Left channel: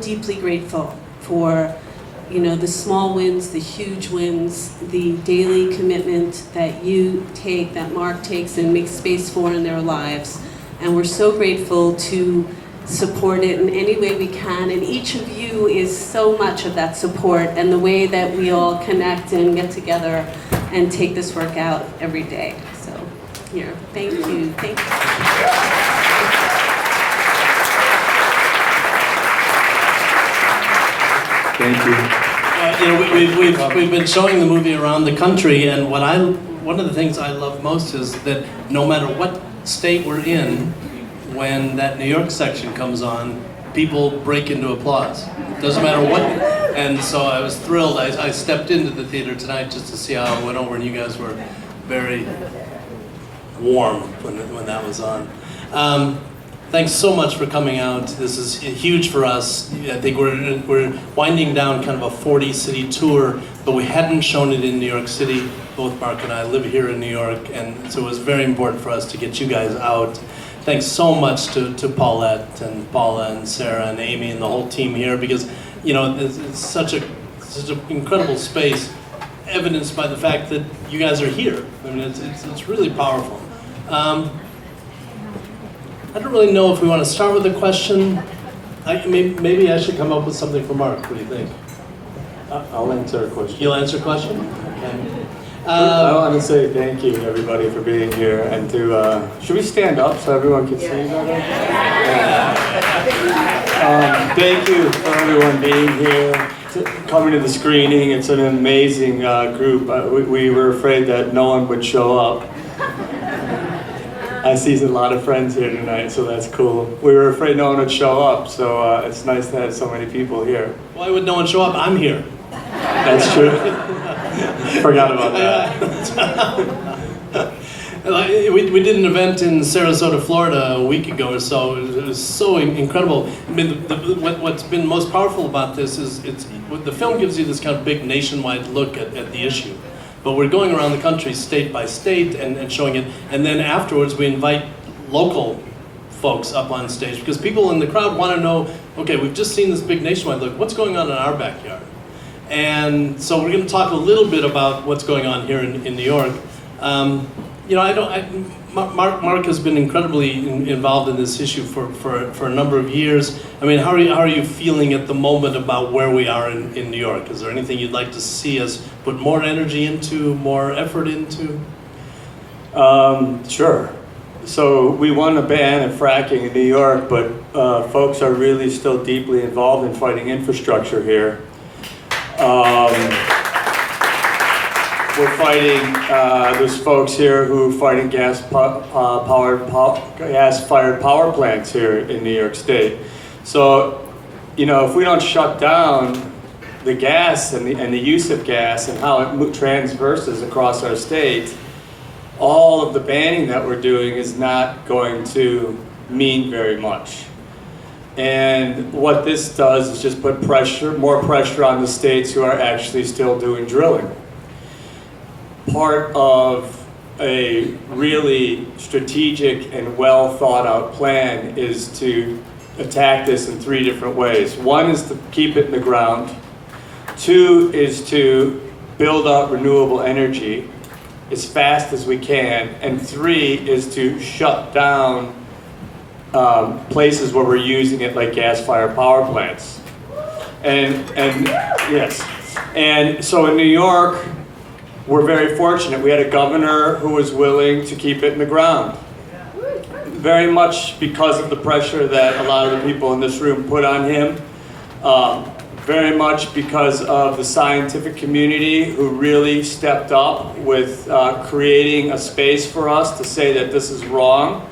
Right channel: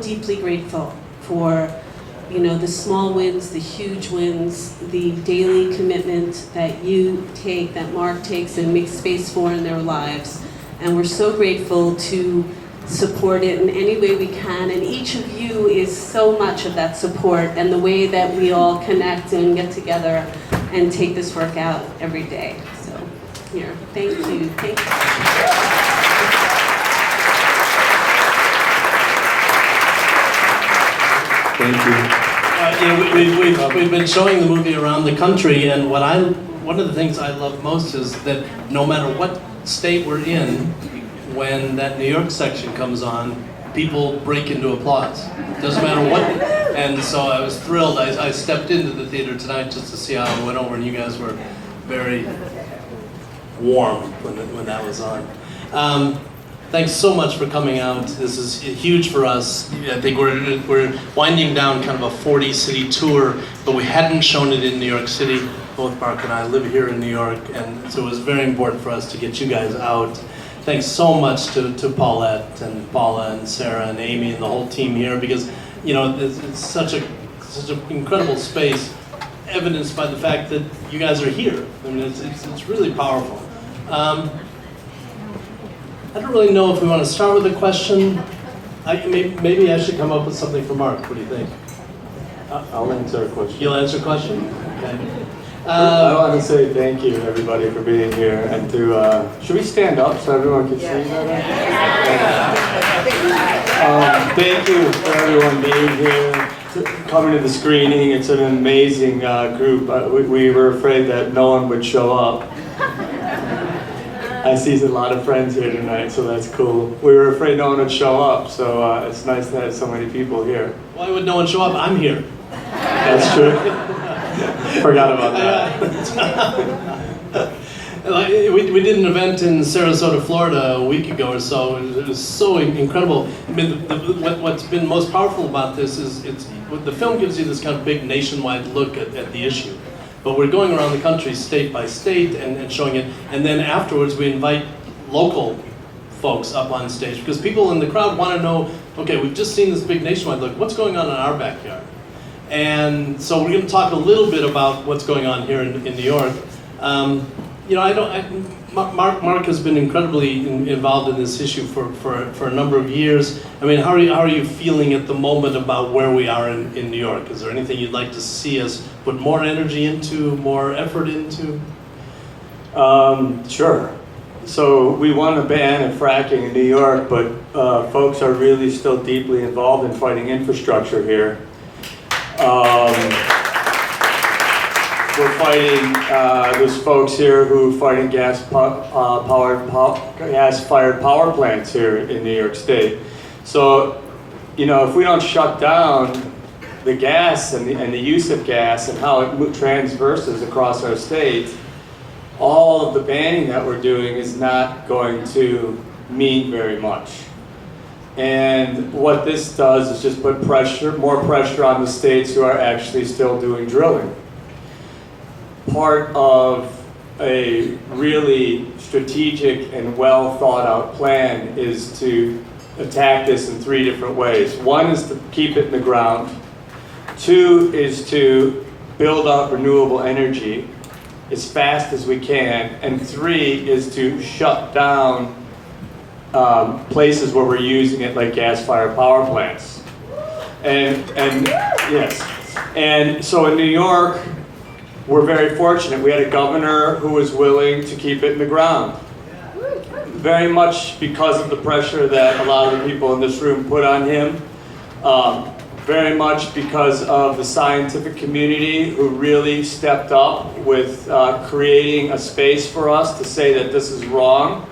deeply grateful for, you know, the small wins, the huge wins, the daily commitment that you take, that Mark takes and makes space for in their lives. And we're so grateful to support it in any way we can. And each of you is so much of that support and the way that we all connect and get together and take this work out every day. So here, thank you. Thank you. Thank you. We've been showing the movie around the country, and one of the things I love most is that no matter what state we're in, when that New York section comes on, people break into applause. Doesn't matter what. And so I was thrilled. I stepped into the theater tonight just to see how it went over, and you guys were very warm when that was on. Thanks so much for coming out. This is huge for us. I think we're winding down kind of a 40-city tour, but we hadn't shown it in New York City. Both Mark and I live here in New York, and so it was very important for us to get you guys out. Thanks so much to Paulette and Paula and Sarah and Amy and the whole team here, because you know it's such an incredible space, evidenced by the fact that you guys are here. I mean, it's really powerful. I don't really know if we want to start with a question. Maybe I should come up with something for Mark. What do you think? I'll answer a question. You'll answer a question? Okay. I want to say thank you, everybody, for being here, and to, should we stand up so everyone can see better? Thank you for everyone being here, coming to the screening. It's an amazing group. We were afraid that no one would show up. I see a lot of friends here tonight, so that's cool. We were afraid no one would show up, so it's nice to have so many people here. Why would no one show up? I'm here. That's true. Forgot about that. We did an event in Sarasota, Florida a week ago or so. It was so incredible. I mean, what's been most powerful about this is the film gives you this kind of big nationwide look at the issue. But we're going around the country state by state and showing it. And then afterwards we invite local folks up on stage, because people in the crowd want to know, okay, we've just seen this big nationwide look, what's going on in our backyard? And so we're going to talk a little bit about what's going on here in New York. You know, Mark has been incredibly involved in this issue for a number of years. I mean, how are you feeling at the moment about where we are in New York? Is there anything you'd like to see us put more energy into, more effort into? Sure. So we won a ban of fracking in New York, but folks are really still deeply involved in fighting infrastructure here. We're fighting, there's folks here who are fighting gas-fired power plants here in New York State. So, you know, if we don't shut down the gas and the use of gas and how it transverses across our state, all of the banning that we're doing is not going to mean very much. And what this does is just put more pressure on the states who are actually still doing drilling. Part of a really strategic and well thought out plan is to attack this in 3 different ways. One is to keep it in the ground. 2 is to build up renewable energy as fast as we can. And 3 is to shut down places where we're using it, like gas-fired power plants. And yes. And so in New York, we're very fortunate. We had a governor who was willing to keep it in the ground. Very much because of the pressure that a lot of the people in this room put on him. Very much because of the scientific community who really stepped up with creating a space for us to say that this is wrong.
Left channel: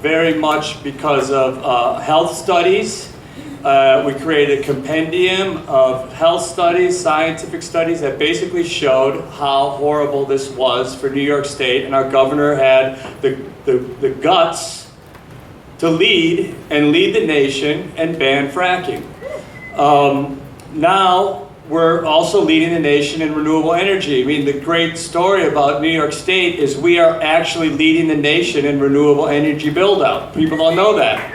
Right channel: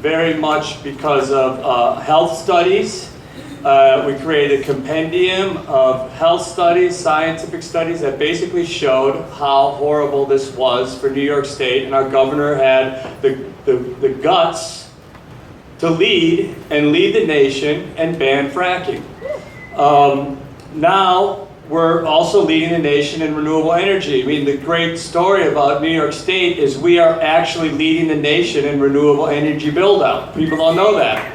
Very much because of health studies. We created a compendium of health studies, scientific studies that basically showed how horrible this was for New York State, and our governor had the guts to lead the nation and ban fracking. Now we're also leading the nation in renewable energy. I mean, the great story about New York State is we are actually leading the nation in renewable energy build-out. People don't know that.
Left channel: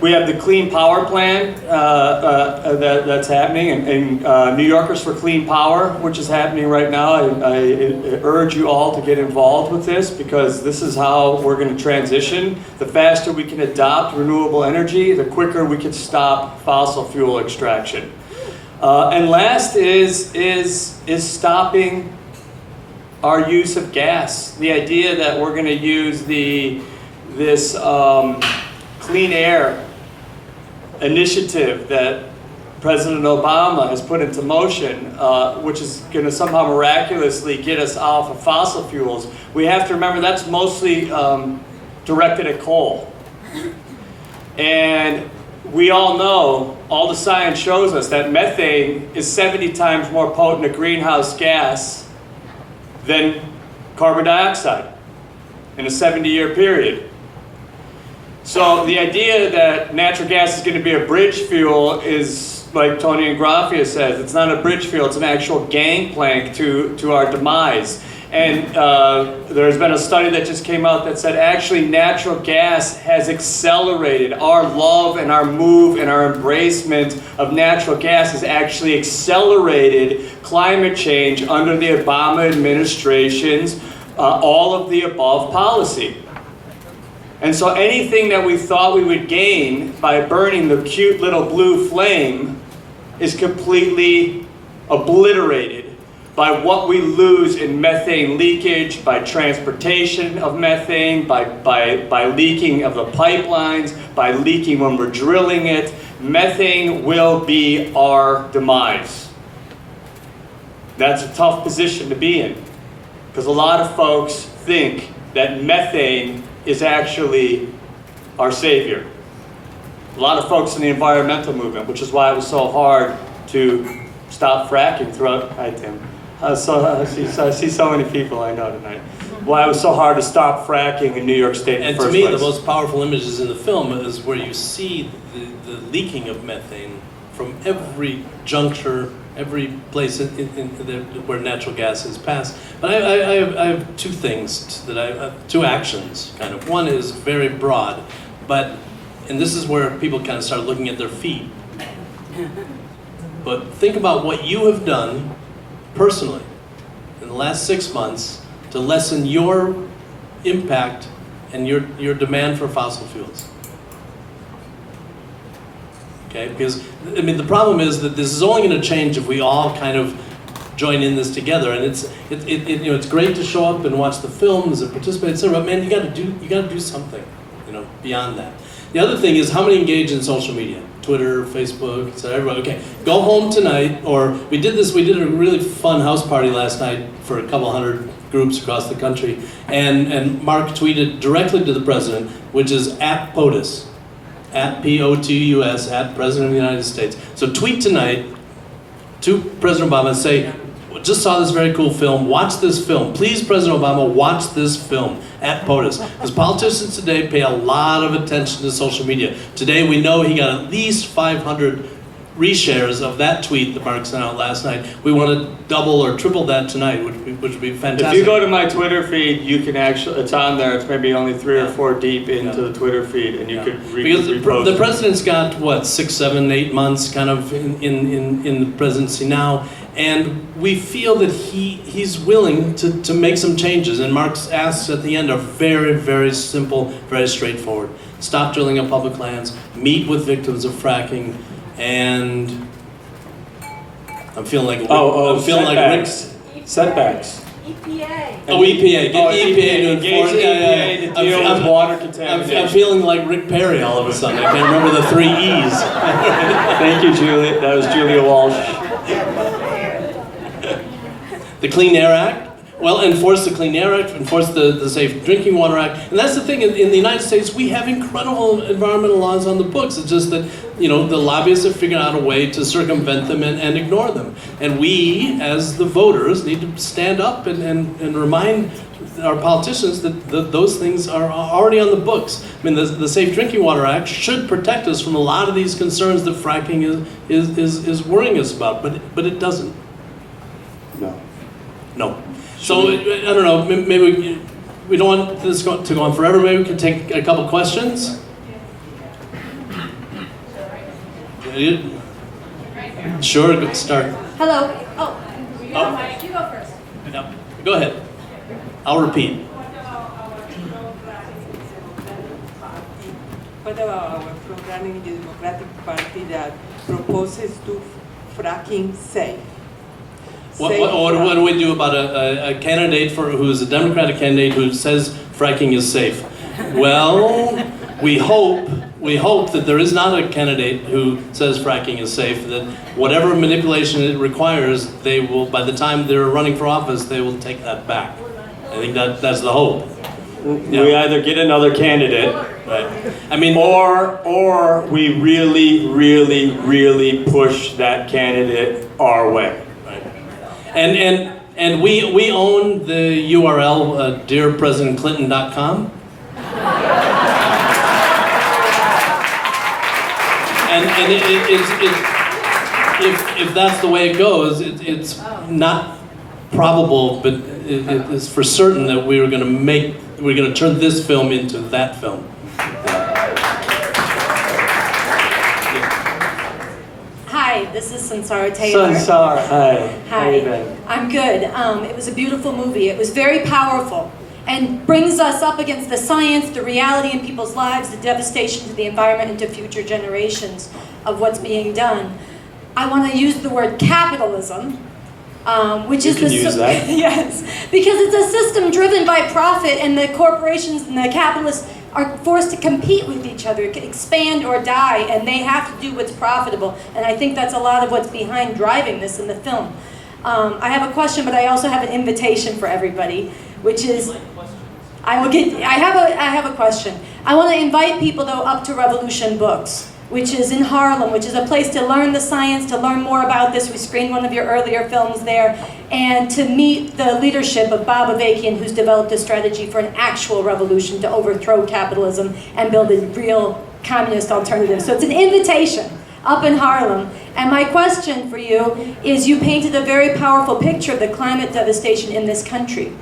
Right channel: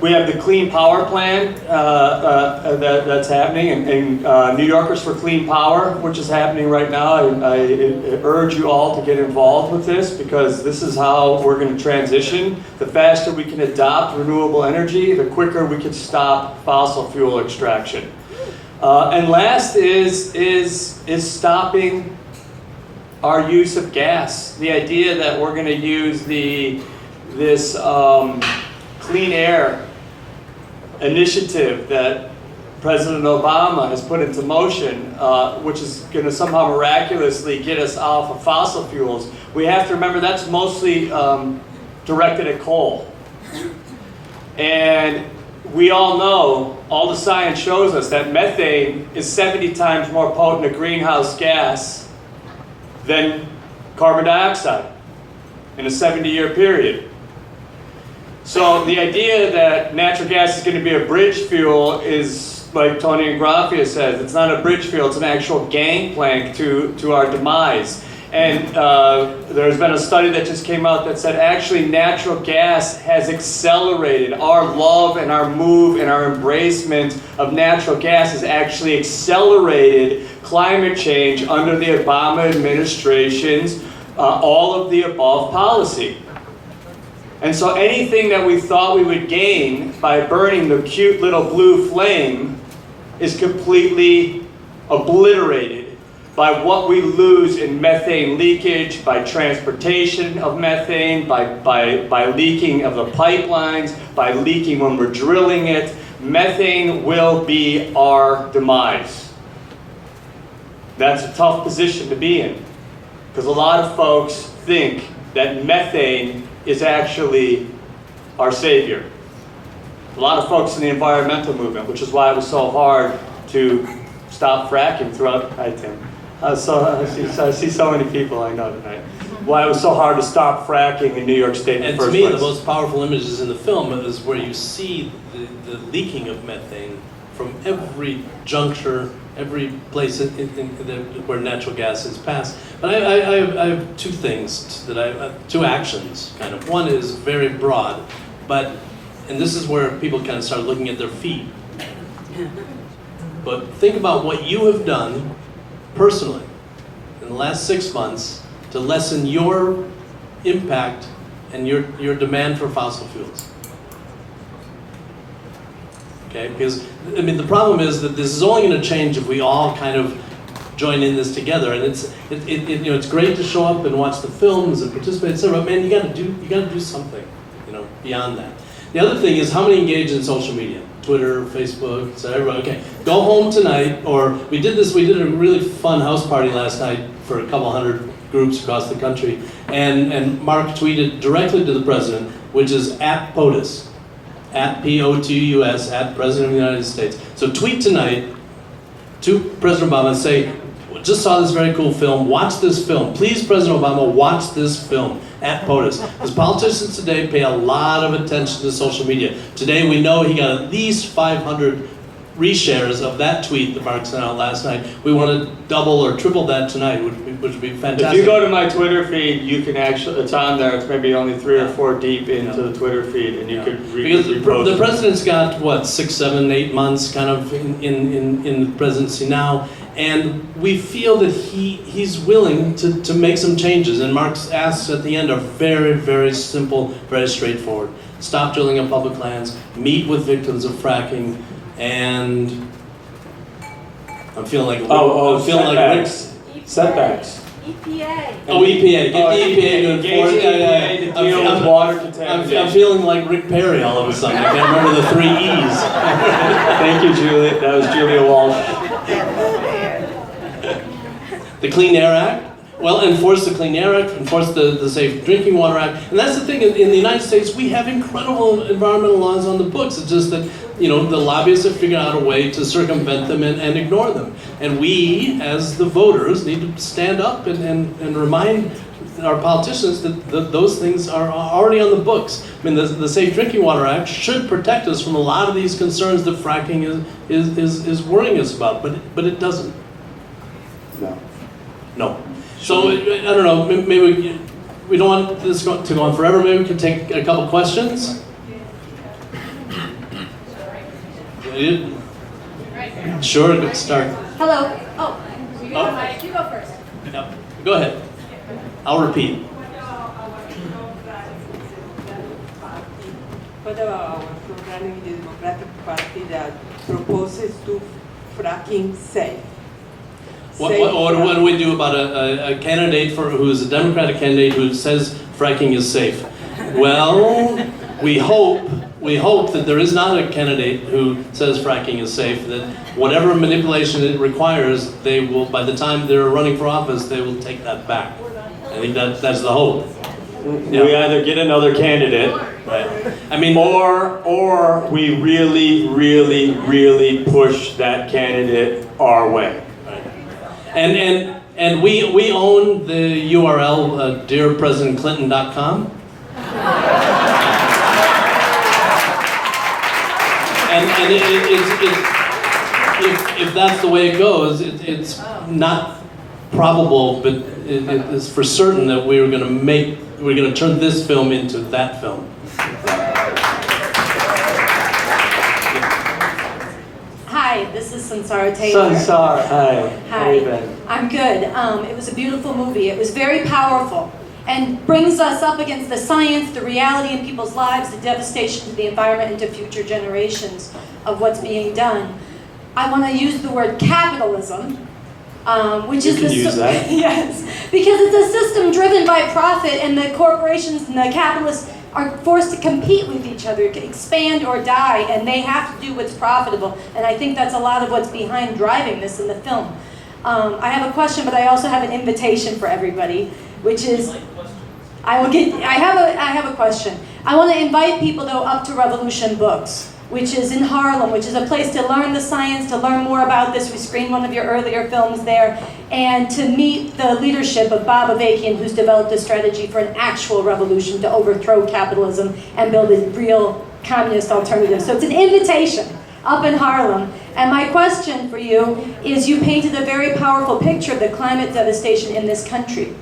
We have the Clean Power Plan that's happening, and New Yorkers for Clean Power, which is happening right now. I urge you all to get involved with this, because this is how we're going to transition. The faster we can adopt renewable energy, the quicker we can stop fossil fuel extraction. And last is stopping our use of gas. The idea that we're going to use this clean air initiative that President Obama has put into motion, which is going to somehow miraculously get us off of fossil fuels. We have to remember that's mostly directed at coal. And we all know, all the science shows us that methane is 70 times more potent a greenhouse gas than carbon dioxide in a 70-year period. So the idea that natural gas is going to be a bridge fuel is, like Tony Ingraffia says, it's not a bridge fuel, it's an actual gangplank to our demise. And there's been a study that just came out that said actually natural gas has accelerated our love and our move and our embracement of natural gas has actually accelerated climate change under the Obama administration's all of the above policy. And so anything that we thought we would gain by burning the cute little blue flame is completely obliterated by what we lose in methane leakage, by transportation of methane, by leaking of the pipelines, by leaking when we're drilling it. Methane will be our demise. That's a tough position to be in, because a lot of folks think that methane is actually our savior. A lot of folks in the environmental movement, which is why it was so hard to stop fracking throughout, I think. I see so many people I know tonight. Why it was so hard to stop fracking in New York State in the first place. And to me, the most powerful images in the film is where you see the leaking of methane from every juncture, every place where natural gas is passed. But I have two things two actions, kind of. One is very broad, and this is where people kind of start looking at their feet. But think about what you have done personally in the last 6 months to lessen your impact and your demand for fossil fuels. Okay, because I mean the problem is that this is only going to change if we all kind of join in this together. And it's great to show up and watch the films and participate, etc. But man, you got to do something, beyond that. The other thing is how many engage in social media, Twitter, Facebook, so everybody. Okay, go home tonight, or we did a really fun house party last night for a couple hundred groups across the country, and Mark tweeted directly to the president, which is at POTUS. At POTUS, at President of the United States. So tweet tonight to President Obama and say, just saw this very cool film, watch this film. Please, President Obama, watch this film at POTUS. Because politicians today pay a lot of attention to social media. Today we know he got at least 500 reshares of that tweet that Mark sent out last night. We want to double or triple that tonight, which would be fantastic. If you go to my Twitter feed, you can actually, it's on there, it's maybe only 3 or 4 deep into the Twitter feed, and you could because repost the president's got, 6, 7, 8 months kind of in the presidency now, and we feel that he's willing to make some changes, and Mark's asks at the end are very, very simple, very straightforward. Stop drilling on public lands, meet with victims of fracking, and I'm feeling like setbacks. Setbacks. EPA. Oh, EPA. Get the EPA to engage enforce. to deal with water contamination. I'm feeling like Rick Perry all of a sudden. I can't remember the 3 E's. Thank you, Julie. That was Julia Walsh. The Clean Air Act. Well, enforce the Clean Air Act, enforce the Safe Drinking Water Act. And that's the thing, in the United States, we have incredible environmental laws on the books. It's just that, the lobbyists have figured out a way to circumvent them and ignore them. And we, as the voters, need to stand up and remind our politicians that those things are already on the books. I mean, the Safe Drinking Water Act should protect us from a lot of these concerns that fracking is worrying us about, but it doesn't. No. So, I don't know, maybe we don't want this to go on forever. Maybe we can take a couple questions. Sure, good start. Hello. Oh, Oh. you go first. Yep. Go ahead. I'll repeat. Whether our programming the Democratic Party that proposes to fracking safe. What do we do about a candidate who is a Democratic candidate who says fracking is safe? Well, we hope that there is not a candidate who says fracking is safe, that whatever manipulation it requires, they will, by the time they're running for office, they will take that back. I think that's the hope. We either get another candidate, Right. I mean, or we really push that candidate our way. and we own the URL dearpresidentklinton.com. And if that's the way it goes, it's not probable, but it's for certain that we're going to turn this film into that film. Hi, this is Sansara Taylor. Sansara, hi. How Hi. you been? I'm good. It was a beautiful movie. It was very powerful and brings us up against the science, the reality in people's lives, the devastation to the environment and to future generations of what's being done. I want to use the word capitalism, which You is can the use that. yes, because it's a system driven by profit, and the corporations and the capitalists are forced to compete with each other, to expand or die, and they have to do what's profitable. And I think that's a lot of what's behind driving this in the film. I have a question, but I also have an invitation for everybody, which is, I have a question. I want to invite people though up to Revolution Books, which is in Harlem, which is a place to learn the science, to learn more about this. We screened one of your earlier films there, and to meet the leadership of Bob Avakian, who's developed a strategy for an actual revolution to overthrow capitalism and build a real communist alternative. So it's an invitation up in Harlem. And my question for you is, you painted a very powerful picture of the climate devastation in this country.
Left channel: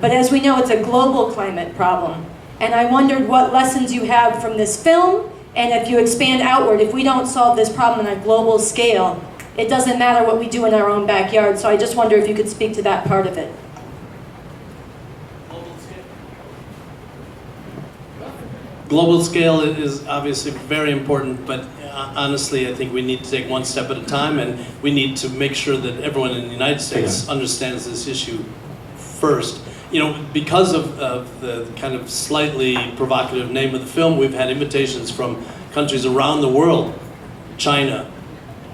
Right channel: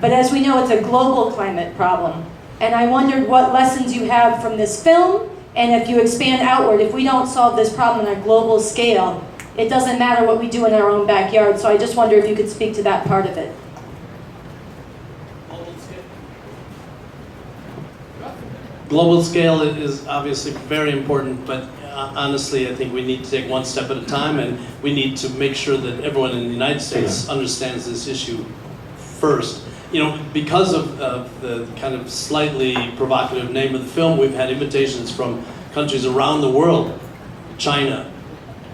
But as we know, it's a global climate problem. And I wondered what lessons you have from this film, and if you expand outward, if we don't solve this problem on a global scale, it doesn't matter what we do in our own backyard. So I just wonder if you could speak to that part of it. Global scale is obviously very important, but honestly, I think we need to take one step at a time, and we need to make sure that everyone in the United States understands this issue first. You know, because of the kind of slightly provocative name of the film, we've had invitations from countries around the world, China,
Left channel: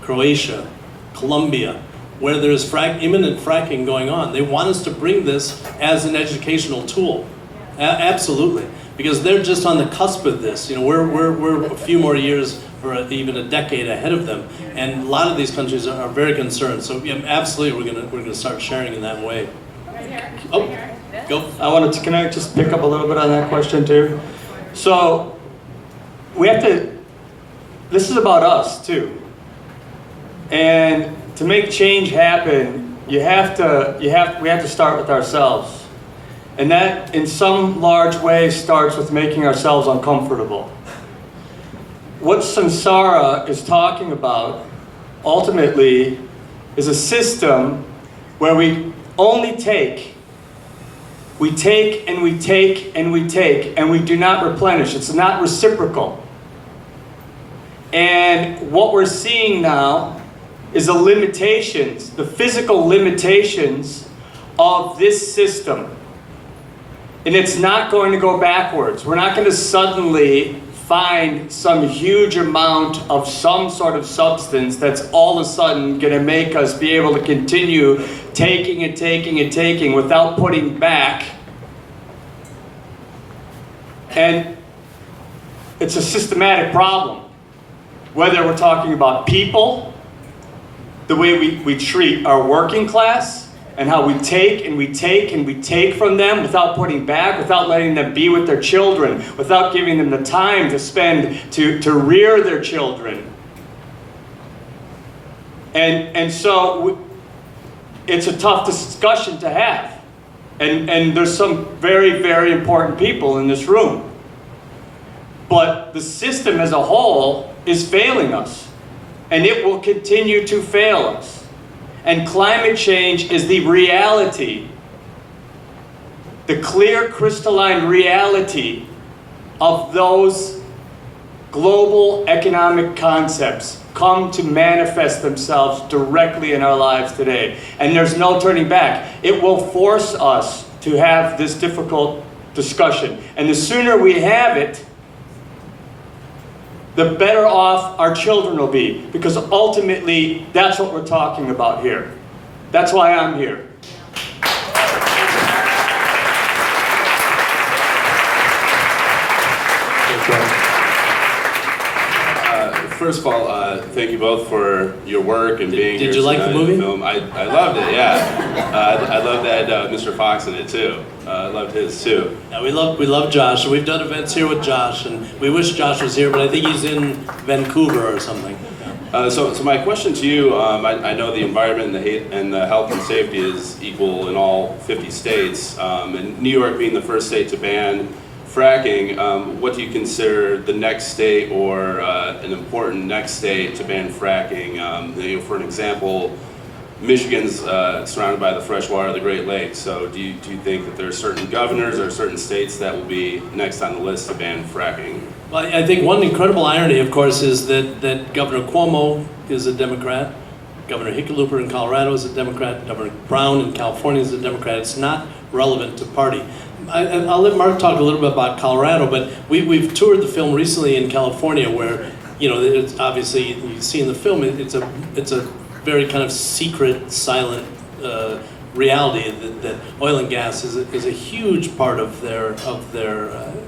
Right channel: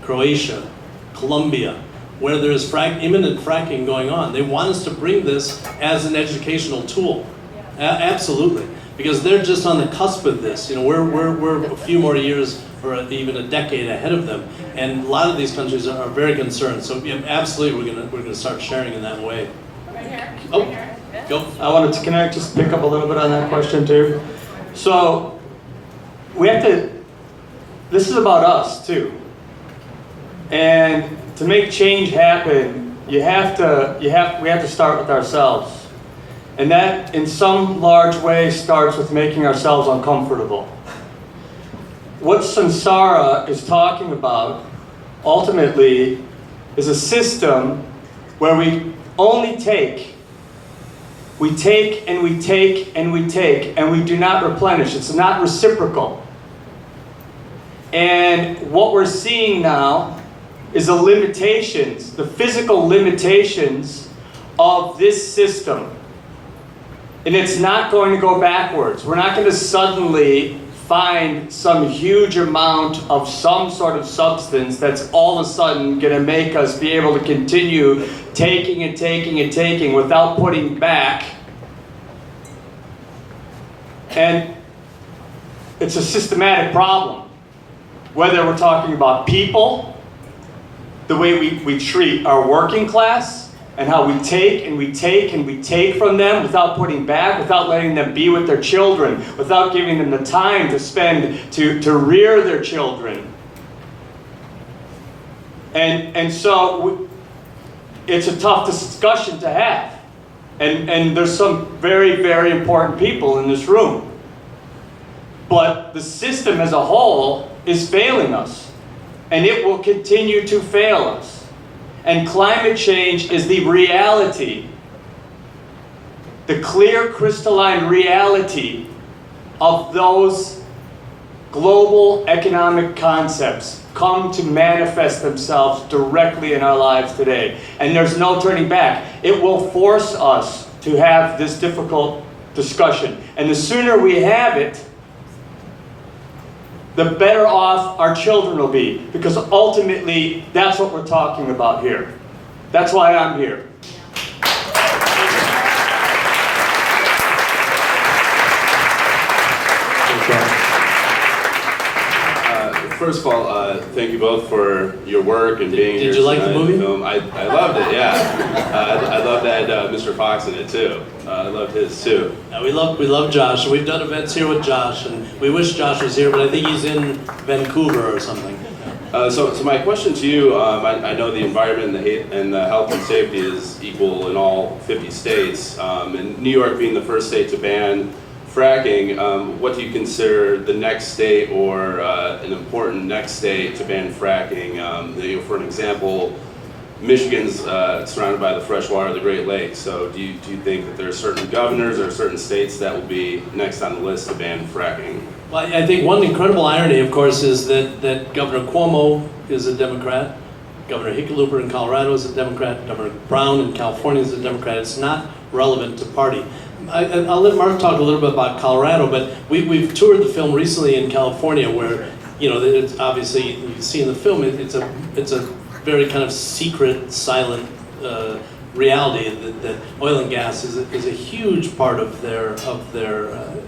Croatia, Colombia, where there's imminent fracking going on. They want us to bring this as an educational tool. Absolutely, because they're just on the cusp of this. You know, we're a few more years or even a decade ahead of them, and a lot of these countries are very concerned. So yeah, absolutely, we're gonna start sharing in that way. Oh, go. Can I just pick up a little bit on that question too? So, this is about us too. And to make change happen, we have to start with ourselves. And that, in some large way, starts with making ourselves uncomfortable. What Sansara is talking about, ultimately, is a system where we only take. We take and we take and we take, and we do not replenish. It's not reciprocal. And what we're seeing now is the limitations, the physical limitations of this system. And it's not going to go backwards. We're not going to suddenly find some huge amount of some sort of substance that's all of a sudden going to make us be able to continue taking and taking and taking without putting back. And it's a systematic problem. Whether we're talking about people, the way we treat our working class, and how we take and we take and we take from them without putting back, without letting them be with their children, without giving them the time to spend to rear their children. And so it's a tough discussion to have. And there's some very, very important people in this room. But the system as a whole is failing us. and it will continue to fail us. And climate change is the reality, the clear crystalline reality of those global economic concepts come to manifest themselves directly in our lives today. And there's no turning back. It will force us to have this difficult discussion. And the sooner we have it, the better off our children will be. Because ultimately, that's what we're talking about here. That's why I'm here. First of all, thank you both for your work and being here. Did you like the movie? Film. I loved it, yeah. I loved that Mr. Fox in it too. I loved his too. Yeah, we love Josh. We've done events here with Josh, and we wish Josh was here, but I think he's in Vancouver or something. So my question to you, I know the environment and the health and safety is equal in all 50 states, and New York being the first state to ban fracking, what do you consider the next state or an important next state to ban fracking? For an example, Michigan's surrounded by the fresh water of the Great Lakes. So do you think that there are certain governors or certain states that will be next on the list to ban fracking? Well, I think one incredible irony, of course, is that Governor Cuomo is a Democrat, Governor Hickenlooper in Colorado is a Democrat, Governor Brown in California is a Democrat. It's not relevant to party. I'll let Mark talk a little bit about Colorado, but we've toured the film recently in California, where it's obviously, you see in the film, it's a very kind of secret, silent reality that oil and gas is a huge part of their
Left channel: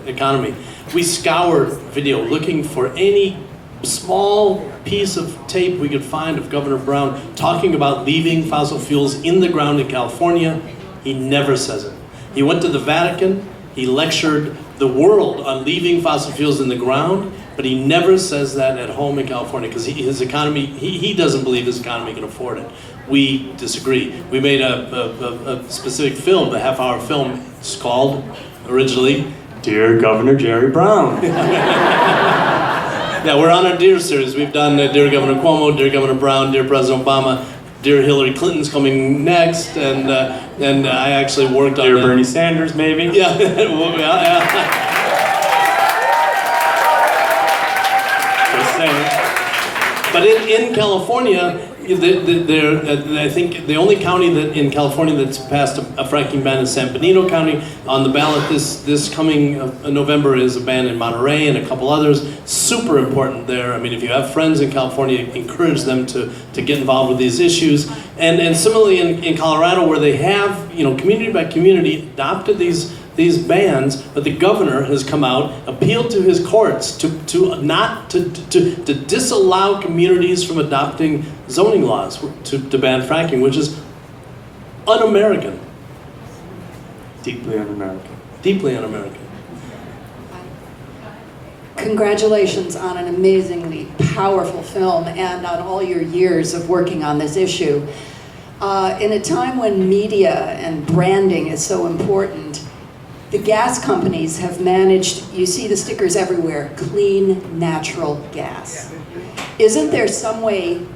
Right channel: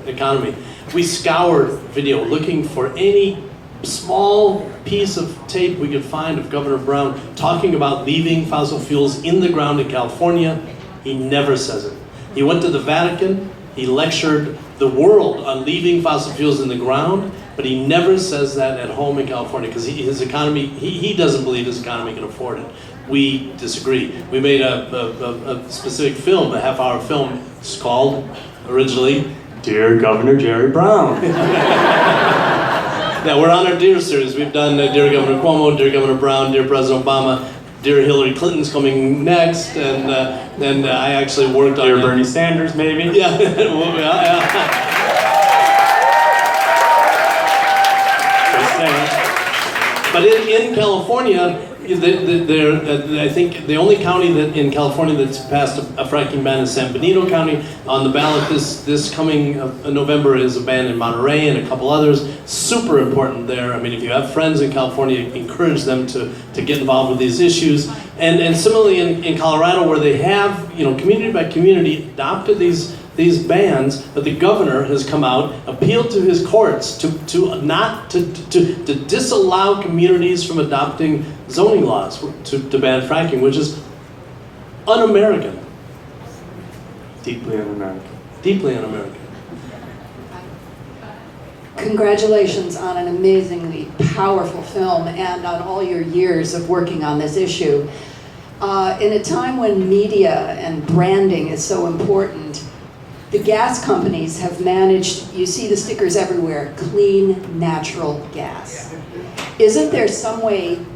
economy. We scoured video looking for any small piece of tape we could find of Governor Brown talking about leaving fossil fuels in the ground in California. He never says it. He went to the Vatican, he lectured the world on leaving fossil fuels in the ground, but he never says that at home in California because his economy, he doesn't believe his economy can afford it. We disagree. We made a specific film, a half-hour film. It's called, originally, Dear Governor Jerry Brown. Yeah, we're on our Dear series. We've done Dear Governor Cuomo, Dear Governor Brown, Dear President Obama, Dear Hillary Clinton's coming next, and I actually worked on Dear Bernie Sanders, maybe? Yeah. Just saying. But in California, I think the only county in California that's passed a fracking ban is San Benito County. On the ballot this coming November is a ban in Monterey and a couple others. Super important there. I mean, if you have friends in California, encourage them to get involved with these issues. And similarly in Colorado, where they have, community by community adopted these bans, but the governor has come out, appealed to his courts to disallow communities from adopting zoning laws to ban fracking, which is un-American. Deeply un-American. Deeply un-American. Congratulations on an amazingly powerful film and on all your years of working on this issue. In a time when media and branding is so important, the gas companies have managed, you see the stickers everywhere, clean natural gas. Isn't there some way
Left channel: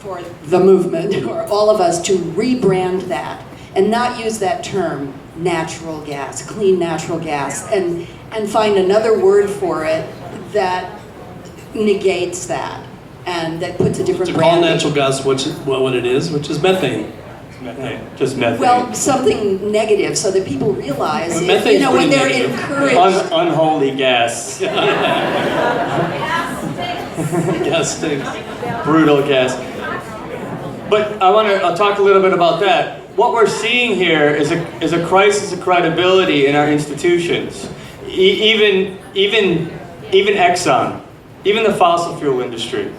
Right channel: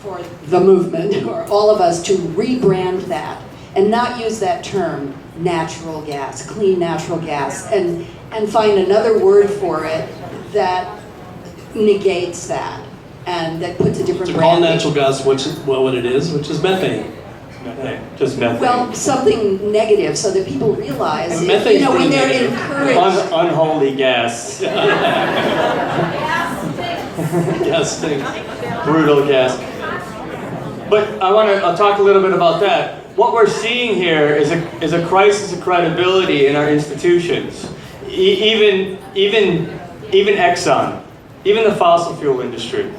for the movement or all of us to rebrand that and not use that term, natural gas, clean natural gas, and find another word for it that negates that and that puts a different To call branding? natural gas what it is, which is methane. Methane. Just methane. Well, something negative so that people realize, Well, methane's when pretty they're negative. encouraged. Unholy gas. Gas stinks. Brutal gas. But I'll talk a little bit about that. What we're seeing here is a crisis of credibility in our institutions. Even Exxon, even the fossil fuel industry.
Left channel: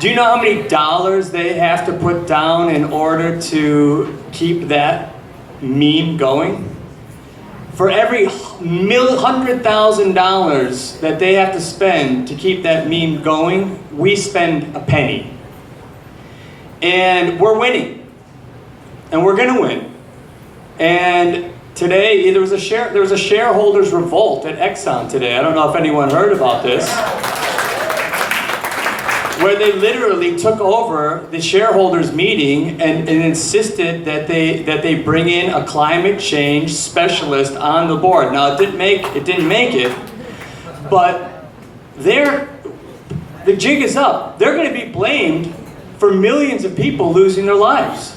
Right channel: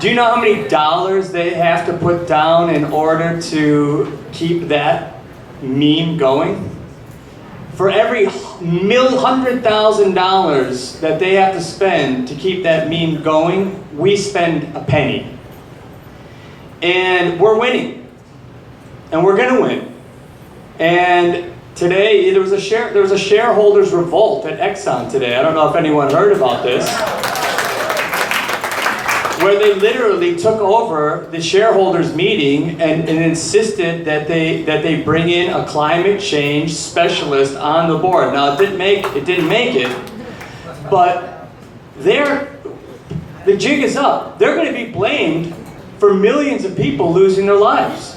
Do you know how many dollars they have to put down in order to keep that meme going? For every $100,000 that they have to spend to keep that meme going, we spend a penny. And we're winning. And we're going to win. And today, there was a shareholders revolt at Exxon today. I don't know if anyone heard about this. where they literally took over the shareholders meeting and insisted that they bring in a climate change specialist on the board. Now it didn't make it, but the jig is up. They're going to be blamed for millions of people losing their lives.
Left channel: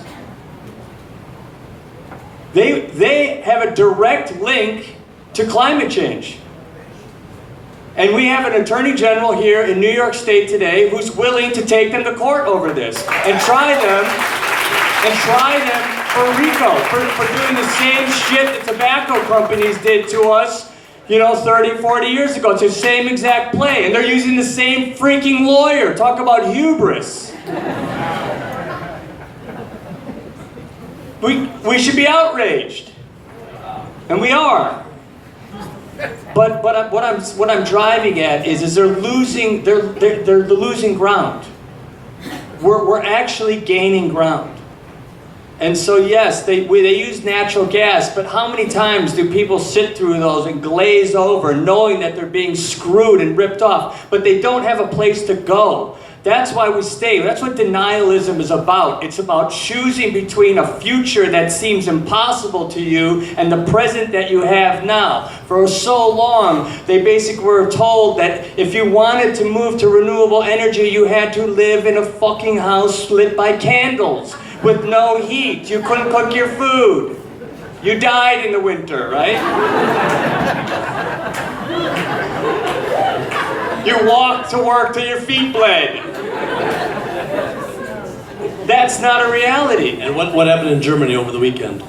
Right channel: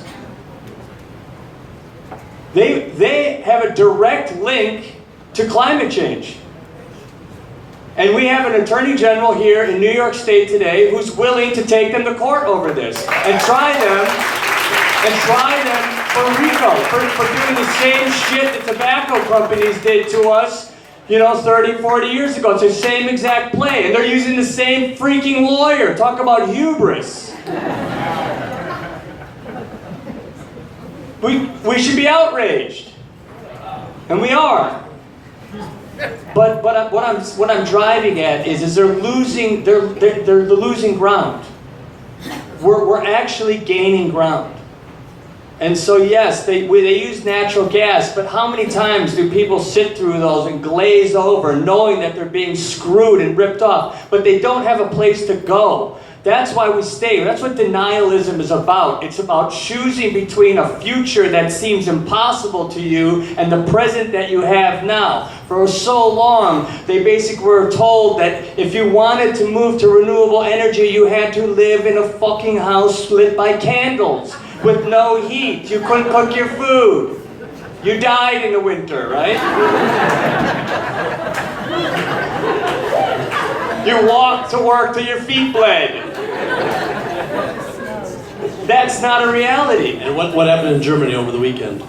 They have a direct link to climate change. And we have an attorney general here in New York State today who's willing to take them to court over this and try them for RICO, for doing the same shit that tobacco companies did to us, 30, 40 years ago. It's the same exact play. And they're using the same freaking lawyer. Talk about hubris. We should be outraged. And we are. But what I'm driving at is they're losing ground. We're actually gaining ground. And so yes, they use natural gas, but how many times do people sit through those and glaze over knowing that they're being screwed and ripped off, but they don't have a place to go? That's why we stay. That's what denialism is about. It's about choosing between a future that seems impossible to you and the present that you have now. For so long, they basically were told that if you wanted to move to renewable energy, you had to live in a fucking house lit by candles with no heat. You couldn't cook your food. You died in the winter, right? You walked to work till your feet bled. That's not a reality. And what happened in Germany over the weekend?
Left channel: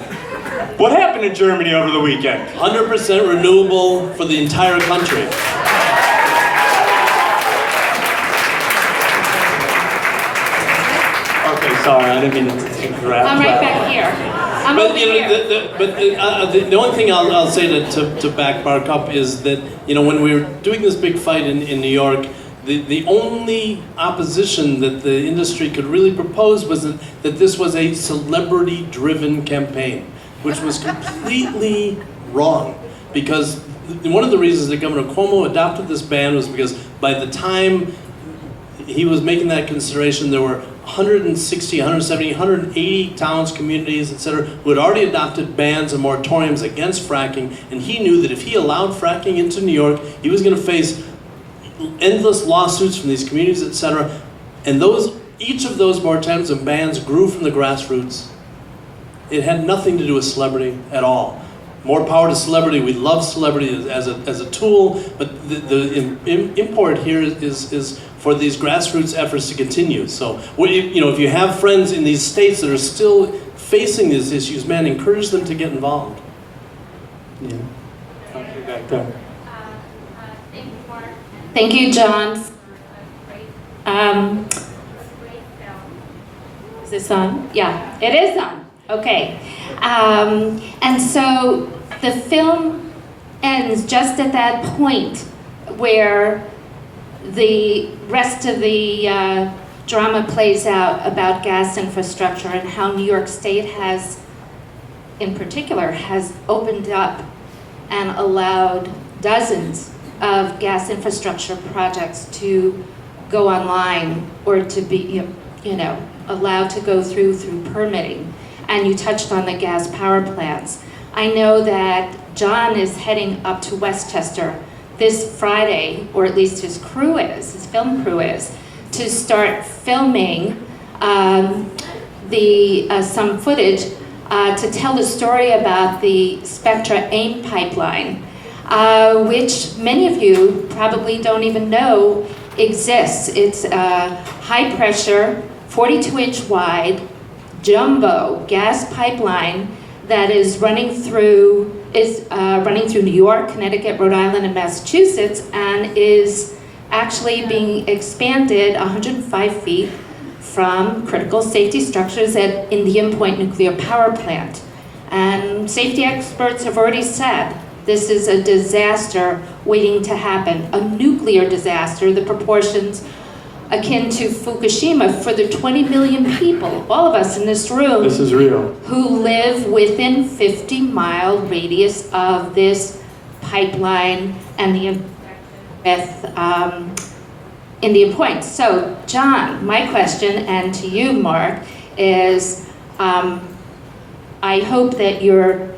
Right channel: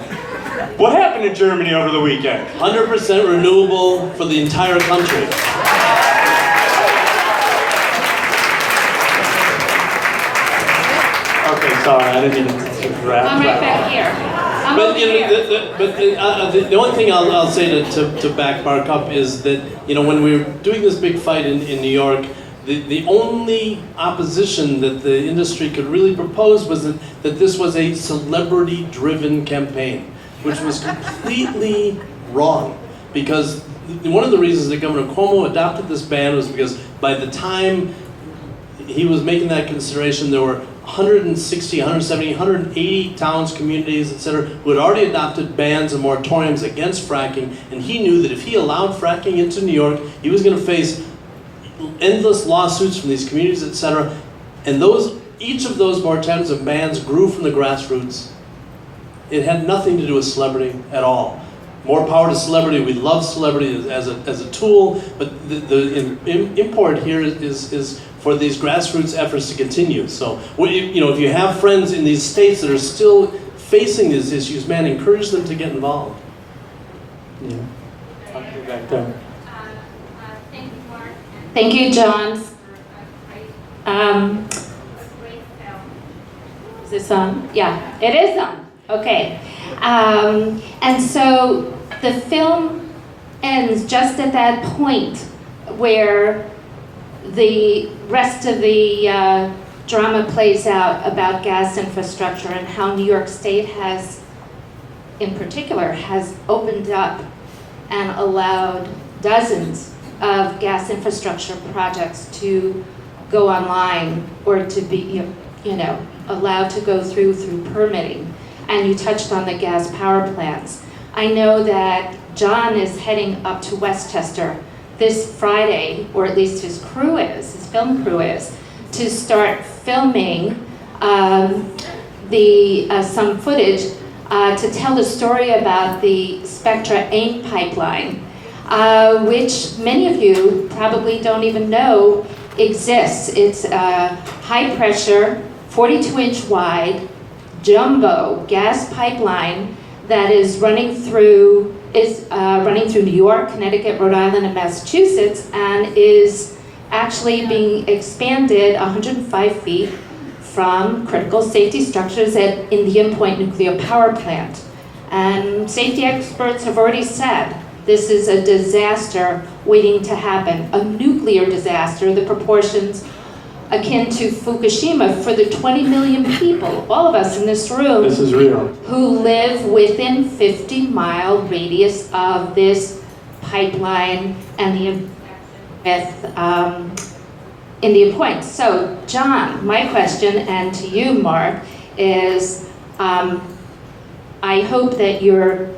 What happened in Germany over the weekend? 100% renewable for the entire country. Okay, sorry, I didn't mean to grab. I'm right back here. I'm But over you know, here. the only thing I'll say to back Mark up is that when we were doing this big fight in New York, the only opposition that the industry could really propose was that this was a celebrity-driven campaign, which was completely wrong. Because one of the reasons that Governor Cuomo adopted this ban was because by the time he was making that consideration, there were 160, 170, 180 towns, communities, etc., who had already adopted bans and moratoriums against fracking, and he knew that if he allowed fracking into New York, he was going to face endless lawsuits from these communities, etc. And each of those moratoriums and bans grew from the grassroots. It had nothing to do with celebrity at all. More power to celebrity. We love celebrity as a tool, but the import here is for these grassroots efforts to continue. So, if you have friends in these states that are still facing these issues, man, encourage them to get involved. Yeah. Okay, back there. Thank you, John. Is this on? Yeah, it is on. Okay. And so the film ends just at that point where the rest of the drama plays out about gas infrastructure and how New York State has, in particular, has opened up and allowed dozens of gas infrastructure projects to go online or to be, allowed to go through permitting. And you touched on the gas power plants. I know that John is heading up to Westchester this Friday, or at least his film crew is, to start filming some footage to tell the story about the Spectra AIM pipeline, which many of you probably don't even know exists. It's a high pressure, 42-inch wide, jumbo gas pipeline that is running through New York, Connecticut, Rhode Island, and Massachusetts, and is actually being expanded 105 feet from critical safety structures at Indian Point Nuclear Power Plant. And safety experts have already said this is a disaster waiting to happen, a nuclear disaster, the proportions akin to Fukushima for the 20 million people, all of us in this room, This is real. who live within 50-mile radius of this pipeline and the with Indian Point. So, John, my question, and to you, Mark, is I hope that you're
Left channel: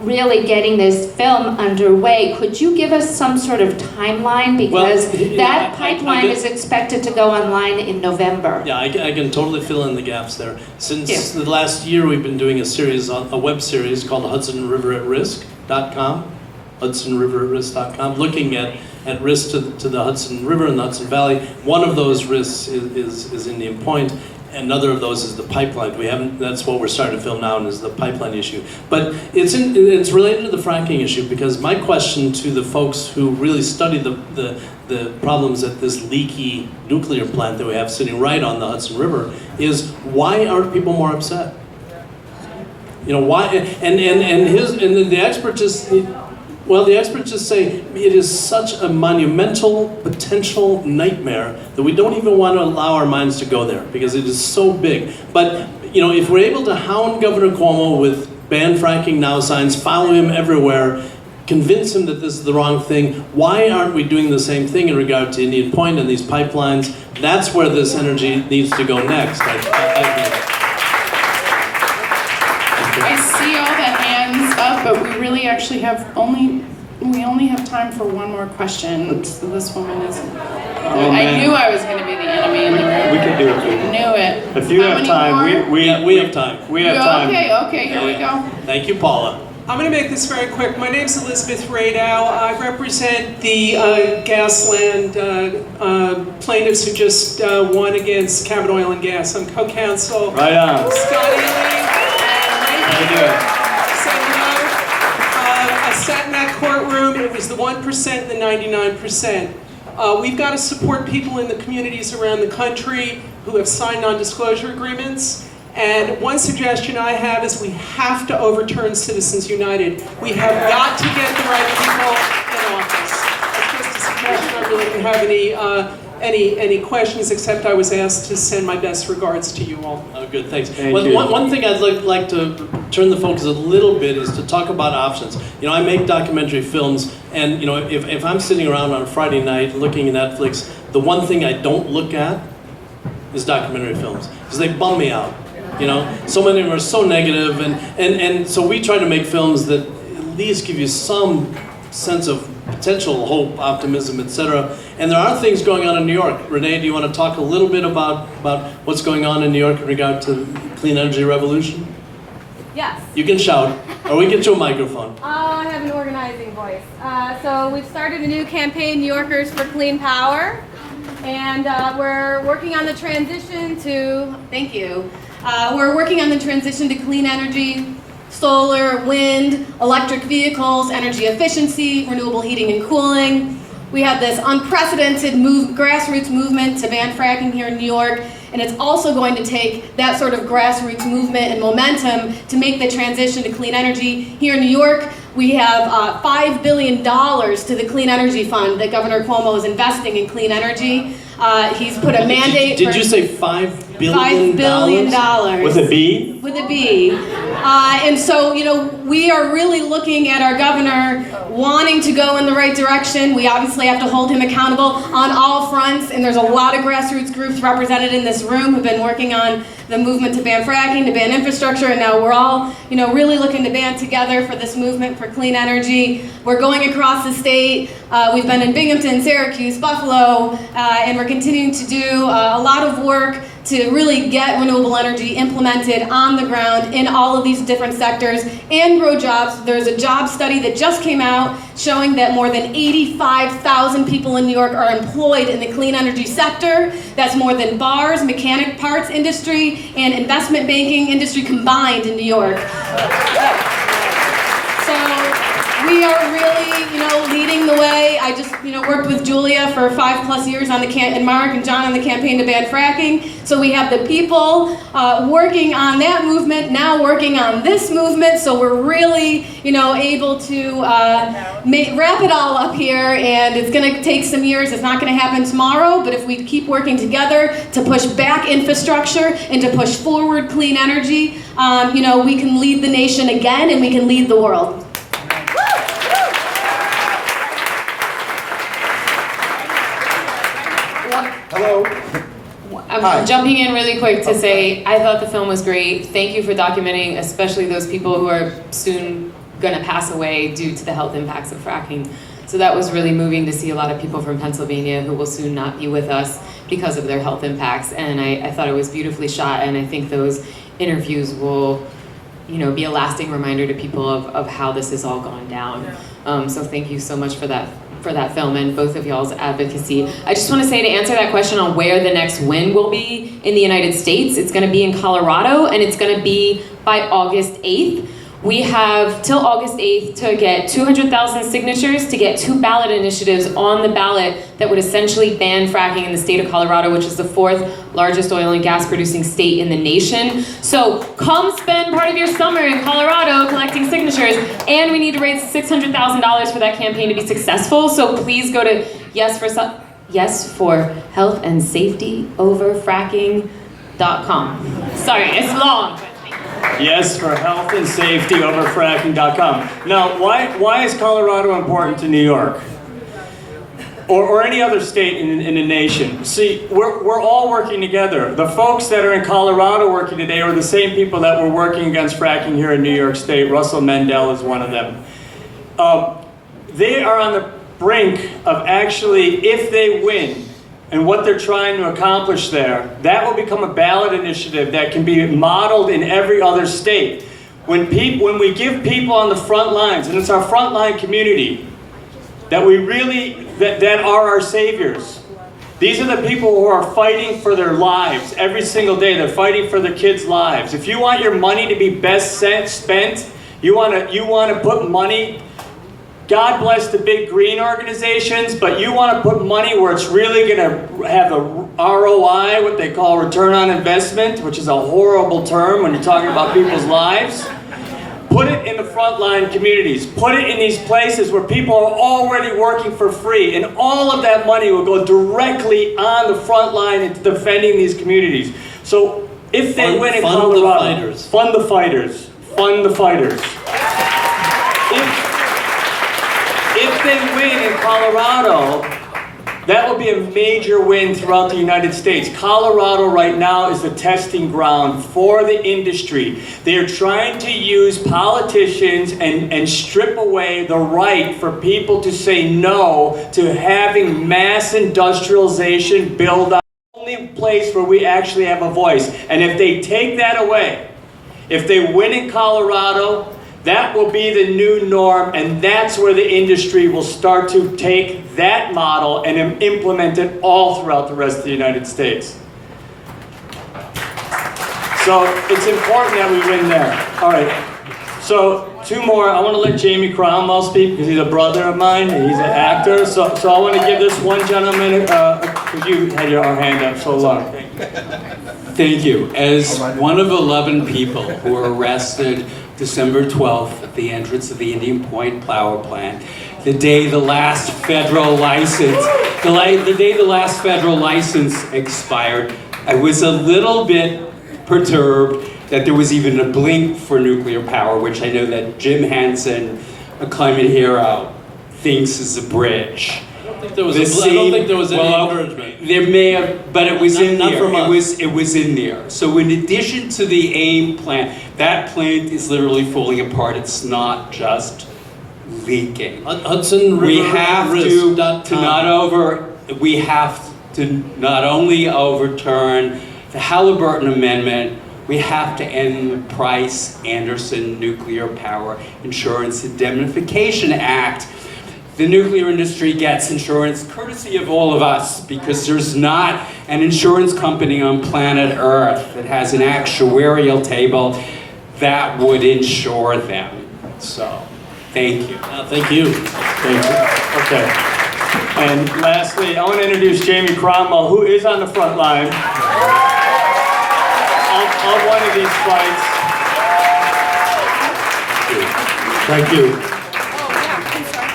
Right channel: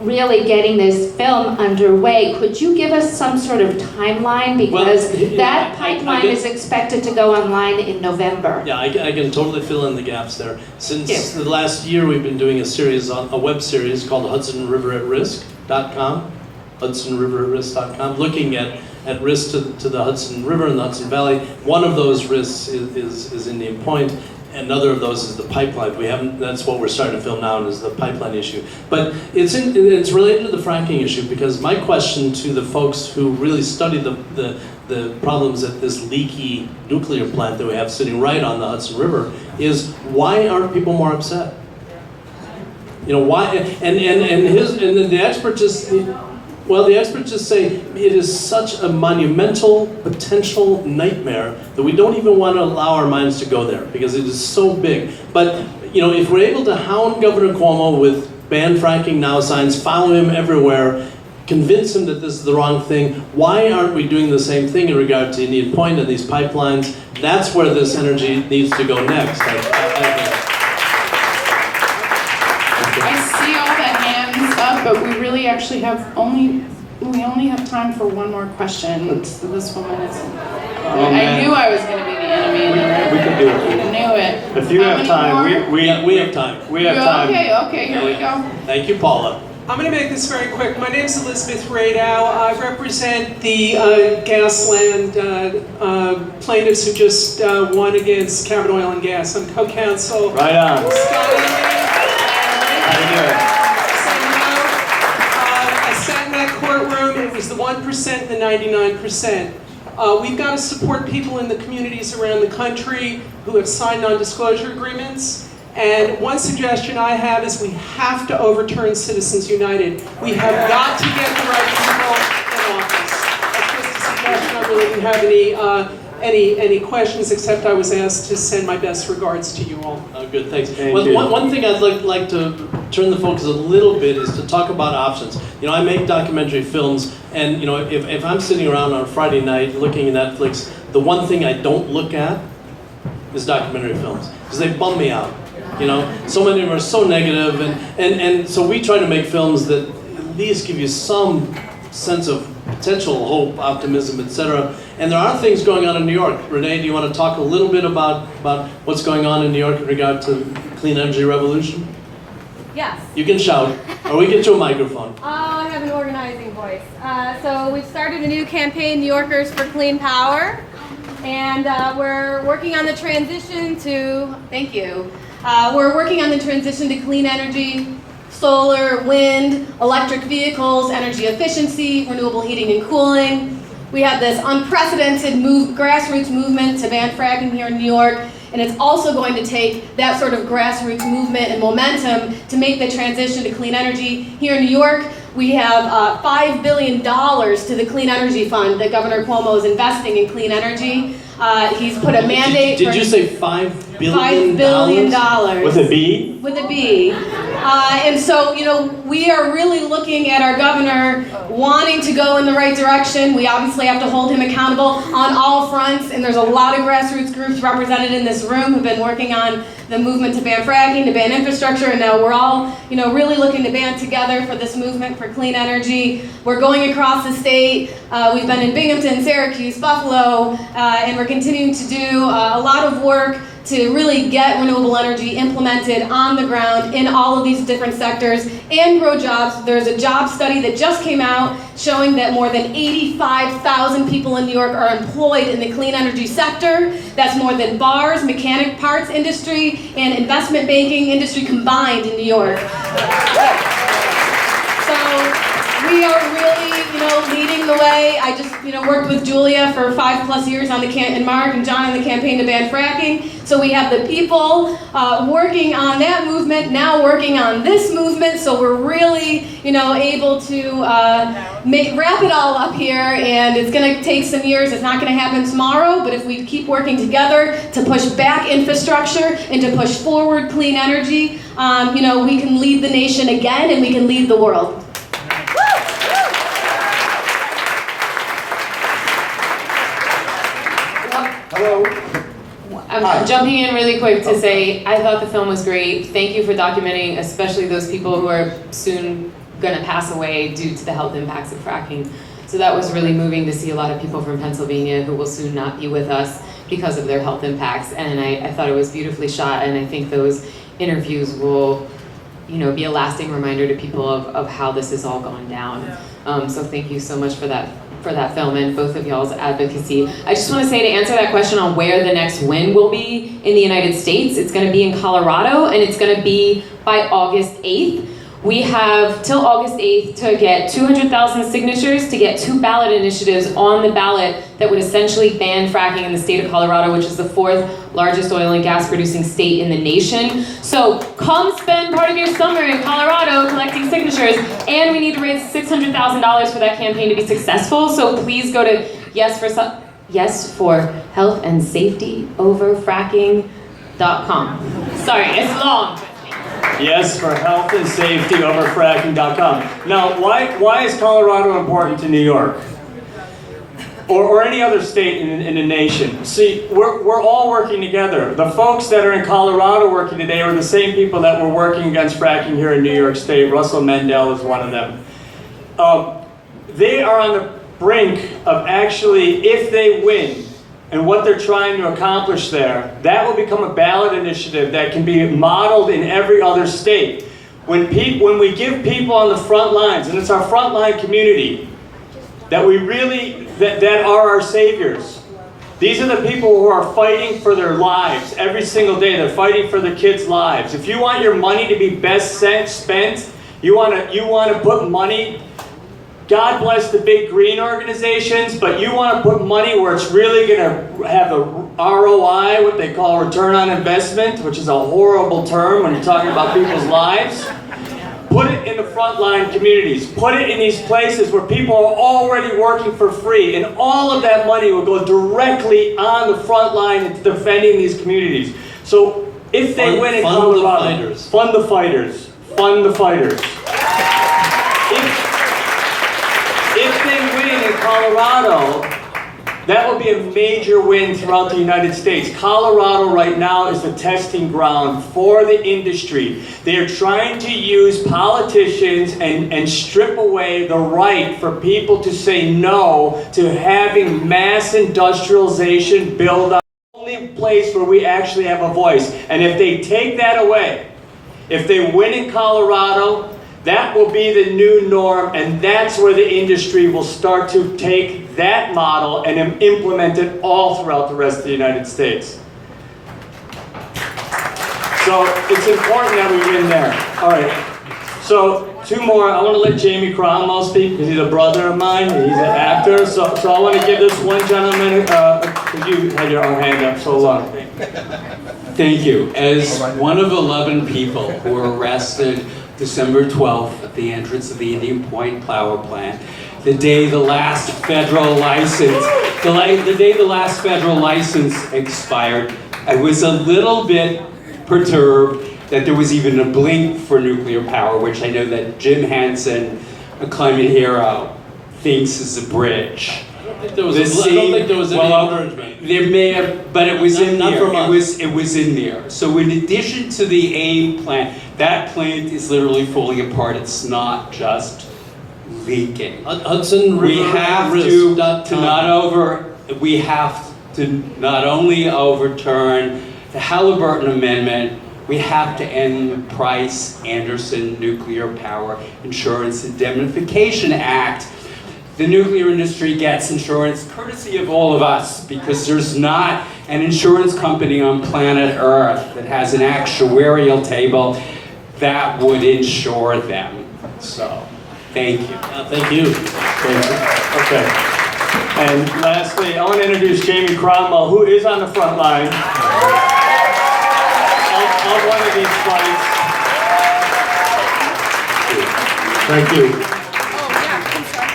really getting this film underway. Could you give us some sort of timeline? Because that pipeline is expected to go online in November. Yeah, I can totally fill in the gaps there. Since the last year, we've been doing a web series called HudsonRiverAtRisk.com, HudsonRiverAtRisk.com, looking at risk to the Hudson River and the Hudson Valley. One of those risks is Indian Point. Another of those is the pipeline. That's what we're starting to film now, is the pipeline issue. But it's related to the fracking issue, because my question to the folks who really study the problems at this leaky nuclear plant that we have sitting right on the Hudson River is, why aren't people more upset? You know, why? And the experts just, well, the experts just say it is such a monumental potential nightmare that we don't even want to allow our minds to go there, because it is so big. But, you know, if we're able to hound Governor Cuomo with ban fracking now signs, follow him everywhere, convince him that this is the wrong thing, why aren't we doing the same thing in regard to Indian Point and these pipelines? That's where this energy needs to go next. I see all the hands up, but we really actually we only have time for one more question. This woman is, I knew I was going to be the enemy in the room. We can do it. I knew it. If you have time, we have time. We have time. Okay, here we go. Thank you, Paula. I'm going to make this very quick. My name is Elizabeth Radow. I represent the Gasland plaintiffs who just won against Cabot Oil and Gas. I'm co-counsel. Right on. Scotty. How you doing? I sat in that courtroom. It was the 1% and the 99%. We've got to support people in the communities around the country who have signed non-disclosure agreements. And one suggestion I have is we have to overturn Citizens United. We have got to get the right people in office. That's just a suggestion. I really didn't have any questions, except I was asked to send my best regards to you all. Oh, good, thanks. Thank you. One thing I'd like to turn the focus a little bit is to talk about options. You know, I make documentary films, and you know, if I'm sitting around on a Friday night looking at Netflix, the one thing I don't look at is documentary films, because they bum me out. You know, so many of them are so negative, and so we try to make films that at least give you some sense of potential hope, optimism, etc. And there are things going on in New York. Renee, do you want to talk a little bit about what's going on in New York in regard to the clean energy revolution? Yes. You can shout, or we get you a microphone. I have an organizing voice. So we've started a new campaign, New Yorkers for Clean Power, and we're working on the transition to, thank you, we're working on the transition to clean energy, solar, wind, electric vehicles, energy efficiency, renewable heating and cooling. We have this unprecedented grassroots movement to ban fracking here in New York, and it's also going to take that sort of grassroots movement and momentum to make the transition to clean energy. Here in New York, we have $5 billion to the Clean Energy Fund that Governor Cuomo is investing in clean energy. He's put a mandate. Did you say $5 billion? $5 billion. With a B? With a B. And so, you know, we are really looking at our governor wanting to go in the right direction. We obviously have to hold him accountable on all fronts, and there's a lot of grassroots groups represented in this room who've been working on the movement to ban fracking, to ban infrastructure, and now we're all, you know, really looking to band together for this movement for clean energy. We're going across the state. We've been in Binghamton, Syracuse, Buffalo, and we're continuing to do a lot of work to really get renewable energy implemented on the ground in all of these different sectors and grow jobs. There's a job study that just came out showing that more than 85,000 people in New York are employed in the clean energy sector. That's more than bars, mechanic parts industry, and investment banking industry combined in New York. So we are really, you know, leading the way. I just, you know, worked with Julia for 5+ years on and Mark and John on the campaign to ban fracking. So we have the people working on that movement, now working on this movement. So we're really, you know, able to wrap it all up here. And it's going to take some years. It's not going to happen tomorrow. But if we keep working together to push back infrastructure and to push forward clean energy, you know, we can lead the nation again, and we can lead the world. Hello. I'm jumping in really quick to say I thought the film was great. Thank you for documenting, especially those people who are soon going to pass away due to the health impacts of fracking. So that was really moving to see a lot of people from Pennsylvania who will soon not be with us because of their health impacts. And I thought it was beautifully shot, and I think those interviews will, be a lasting reminder to people of how this is all going down. So thank you so much for that film and both of y'all's advocacy. I just want to say, to answer that question on where the next win will be in the United States, it's going to be in Colorado, and it's going to be by August 8th. We have till August 8th to get 200,000 signatures to get 2 ballot initiatives on the ballot that would essentially ban fracking in the state of Colorado, which is the 4th largest oil and gas producing state in the nation. So come spend part of your summer in Colorado collecting signatures, and we need to raise $600,000 for that campaign to be successful. So please go to Yes for Health and Safety Over Fracking.com. Sorry, it's long. Yes for health and safety over fracking.com. Now, why is Colorado important to New York? Or any other state in the nation? See, we're all working together. The folks that are in Colorado working today are the same people that were working against fracking here in New York State. Russell Mendel is one of them. They are on the brink of actually, if they win, and what they're trying to accomplish there, that will become a ballot initiative that can be modeled in every other state. When we give people on the front lines, and it's our frontline community, that that are our saviors. These are the people who are fighting for their lives every single day. They're fighting for their kids' lives. If you want your money to be best spent, you want to put money. God bless the big green organizations, but you want to put money where it's really going to have a ROI, what they call return on investment, which is a horrible term when you're talking about people's lives. Put it in the frontline communities. Put it in these places where people are already working for free, and all of that money will go directly on the front line into defending these communities. So if they win in Colorado, fund the fighters. Fund the fighters. If they win in Colorado, that will be a major win throughout the United States. Colorado right now is the testing ground for the industry. They are trying to use politicians and strip away the right for people to say no to having mass industrialization build up. The only place where we actually have a voice. And if they take that away, if they win in Colorado, that will be the new norm, and that's where the industry will start to take that model and implement it all throughout the rest of the United States. So it's important that we win there. All right. So 2 more. I want to let Jamie Cromwell speak because he's a brother of mine. And he's an actor. So I want to give this one gentleman, because you had your hand up so long. Thank you. As one of 11 people who were arrested December 12th at the entrance of the Indian Point power plant, the day the last federal license, expired, I was a little bit perturbed that there was even a blink for nuclear power, which I know that Jim Hansen, a climate hero, thinks is a bridge. I don't think there was any encouragement. There may have, but it was in there. It was in there. So in addition to the AIM plant, that plant is literally falling apart. It's not just leaking. We have to not only overturn the Halliburton Amendment, we have to end the Price-Anderson Nuclear Power Insurance Indemnification Act. The nuclear industry gets insurance courtesy of all of us because there's not an insurance company on planet Earth that has an actuarial table that would insure them. So, thank you. Thank you. Okay. And lastly, I want to introduce Jamie Cromwell, who is on the front line on one of these flights. Thank you.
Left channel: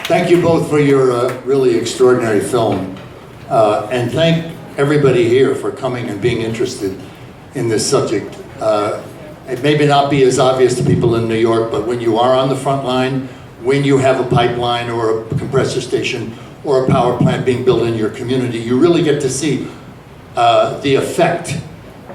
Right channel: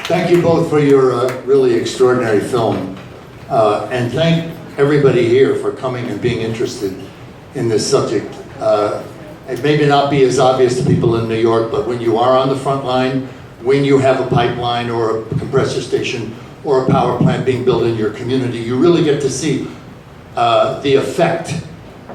Thank you both for your really extraordinary film. And thank everybody here for coming and being interested in this subject. It may not be as obvious to people in New York, but when you are on the front line, when you have a pipeline or a compressor station or a power plant being built in your community, you really get to see the effect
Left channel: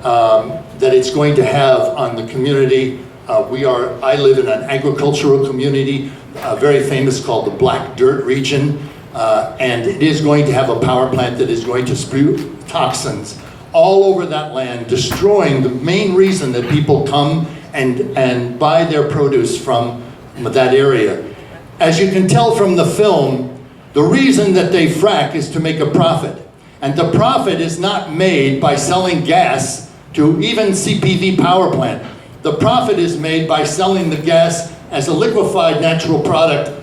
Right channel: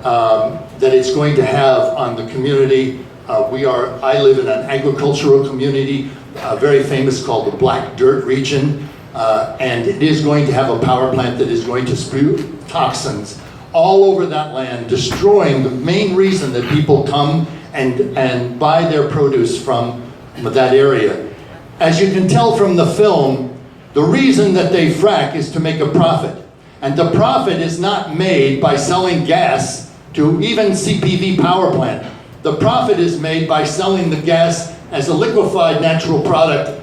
that it's going to have on the community. I live in an agricultural community, very famous, called the Black Dirt region, and it is going to have a power plant that is going to spew toxins all over that land, destroying the main reason that people come and buy their produce from that area. As you can tell from the film, the reason that they frack is to make a profit. And the profit is not made by selling gas to even CPV power plant. The profit is made by selling the gas as a liquefied natural product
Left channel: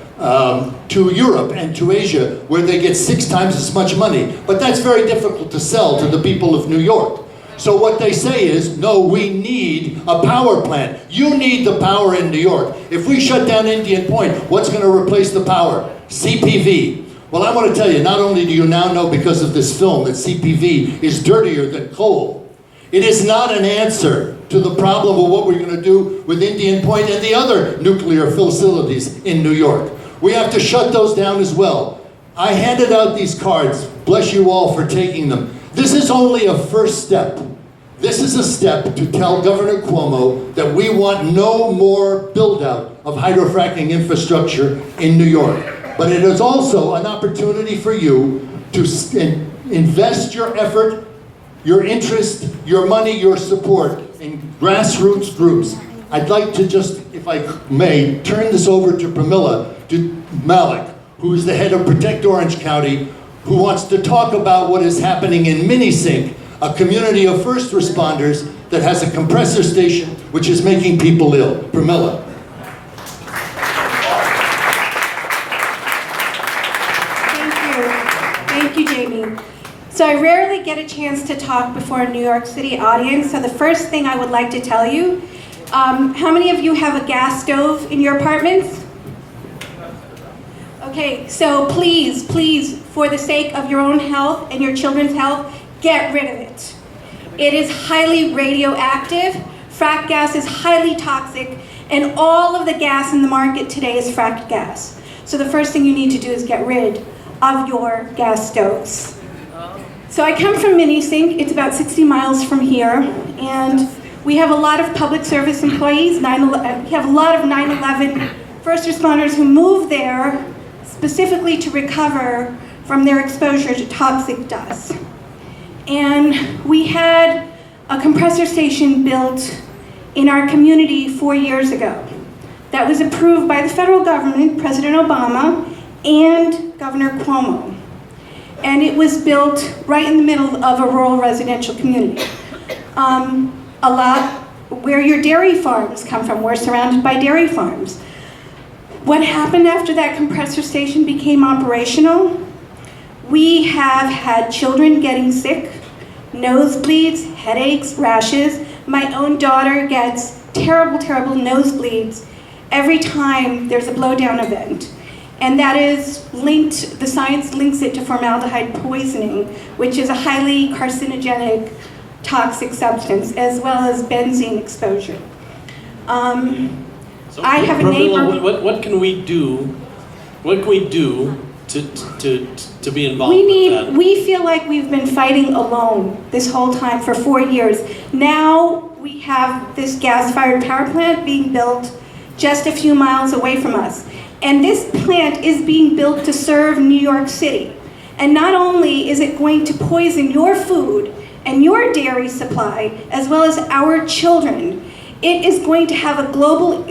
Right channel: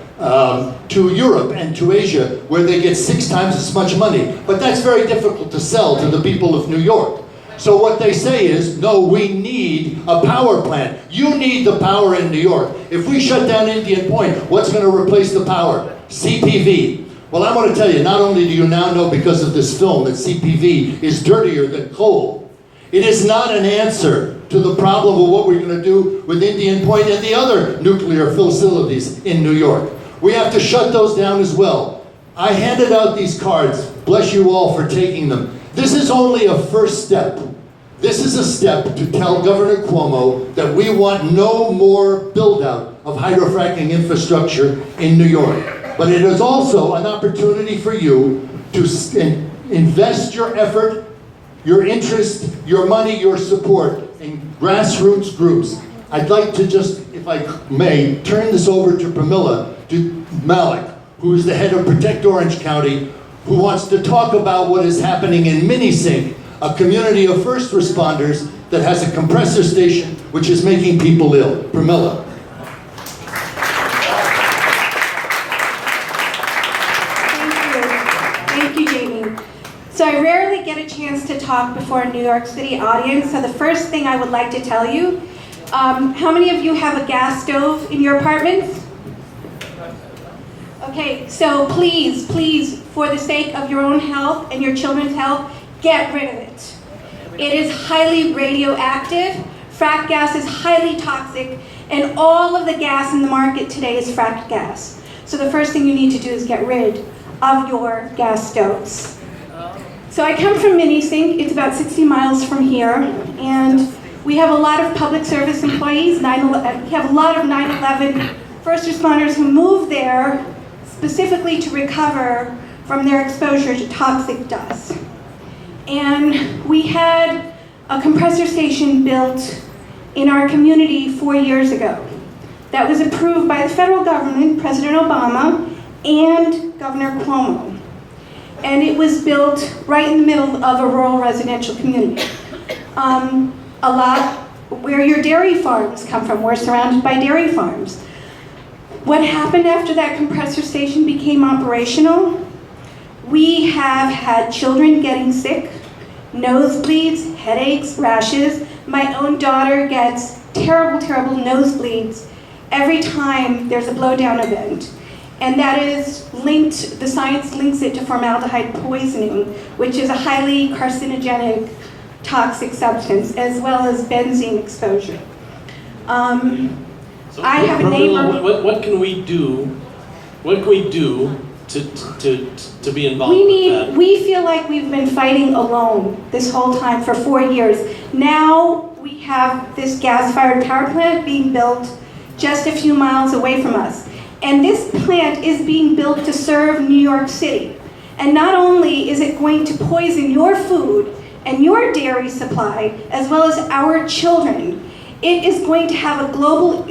to Europe and to Asia, where they get 6 times as much money. But that's very difficult to sell to the people of New York. So what they say is, no, we need a power plant. You need the power in New York. If we shut down Indian Point, what's going to replace the power? CPV. Well, I want to tell you, not only do you now know because of this film that CPV is dirtier than coal, it is not an answer to the problem of what we're going to do with Indian Point and the other nuclear facilities in New York. We have to shut those down as well. I handed out these cards. Bless you all for taking them. This is only a first step. This is a step to tell Governor Cuomo that we want no more build-out of hydrofracking infrastructure in New York. But it is also an opportunity for you to invest your effort, your interest, your money, your support in grassroots groups. I'd like to just, if I may, turn this over to to Malik, who is the head of Protect Orange County, who wants to talk about what is happening in Minisink, a community of first responders that has a compressor station which is making people ill. Pramila. Thank you, Jamie. So I rarely get a chance to talk before a New York City audience, so the first thing I would like to tell you, how many of you have a gas stove in your apartments? Okay, so please, for the sake of your own health and your children's health, get rid of it. It is highly radioactive, fracked gas is highly toxic, and all of the gas in the market today is fracked gas. So the first thing you need to do is get rid of your gas stoves. So I come from Minisink, it's about 60 miles from here, and we have a lot of public service employees, we have a lot of 9/11 first responders who move there specifically to recover from their exposure to toxic dust. And we had a compressor station built in our community 4 years ago that was approved by the federal government, President Obama, and Governor Cuomo. And it was built right in the middle of a rural residential community. A lot where your dairy farms come from. We're surrounded by dairy farms. What happened after that compressor station became operational? We have had children getting sick, nosebleeds, headaches, rashes. My own daughter gets terrible, terrible nosebleeds every time there's a blowdown event. And that is linked, the science links it to formaldehyde poisoning, which is a highly carcinogenic, toxic substance, as well as benzene exposure. I have a neighbor. What can we do? What can we do to be involved? We feel like we've been fighting alone this whole time for 4 years. Now we have this gas-fired power plant being built just a few miles away from us. And this plant is being built to serve New York City. And not only is it going to poison your food and your dairy supply, as well as our children, it is going to have a global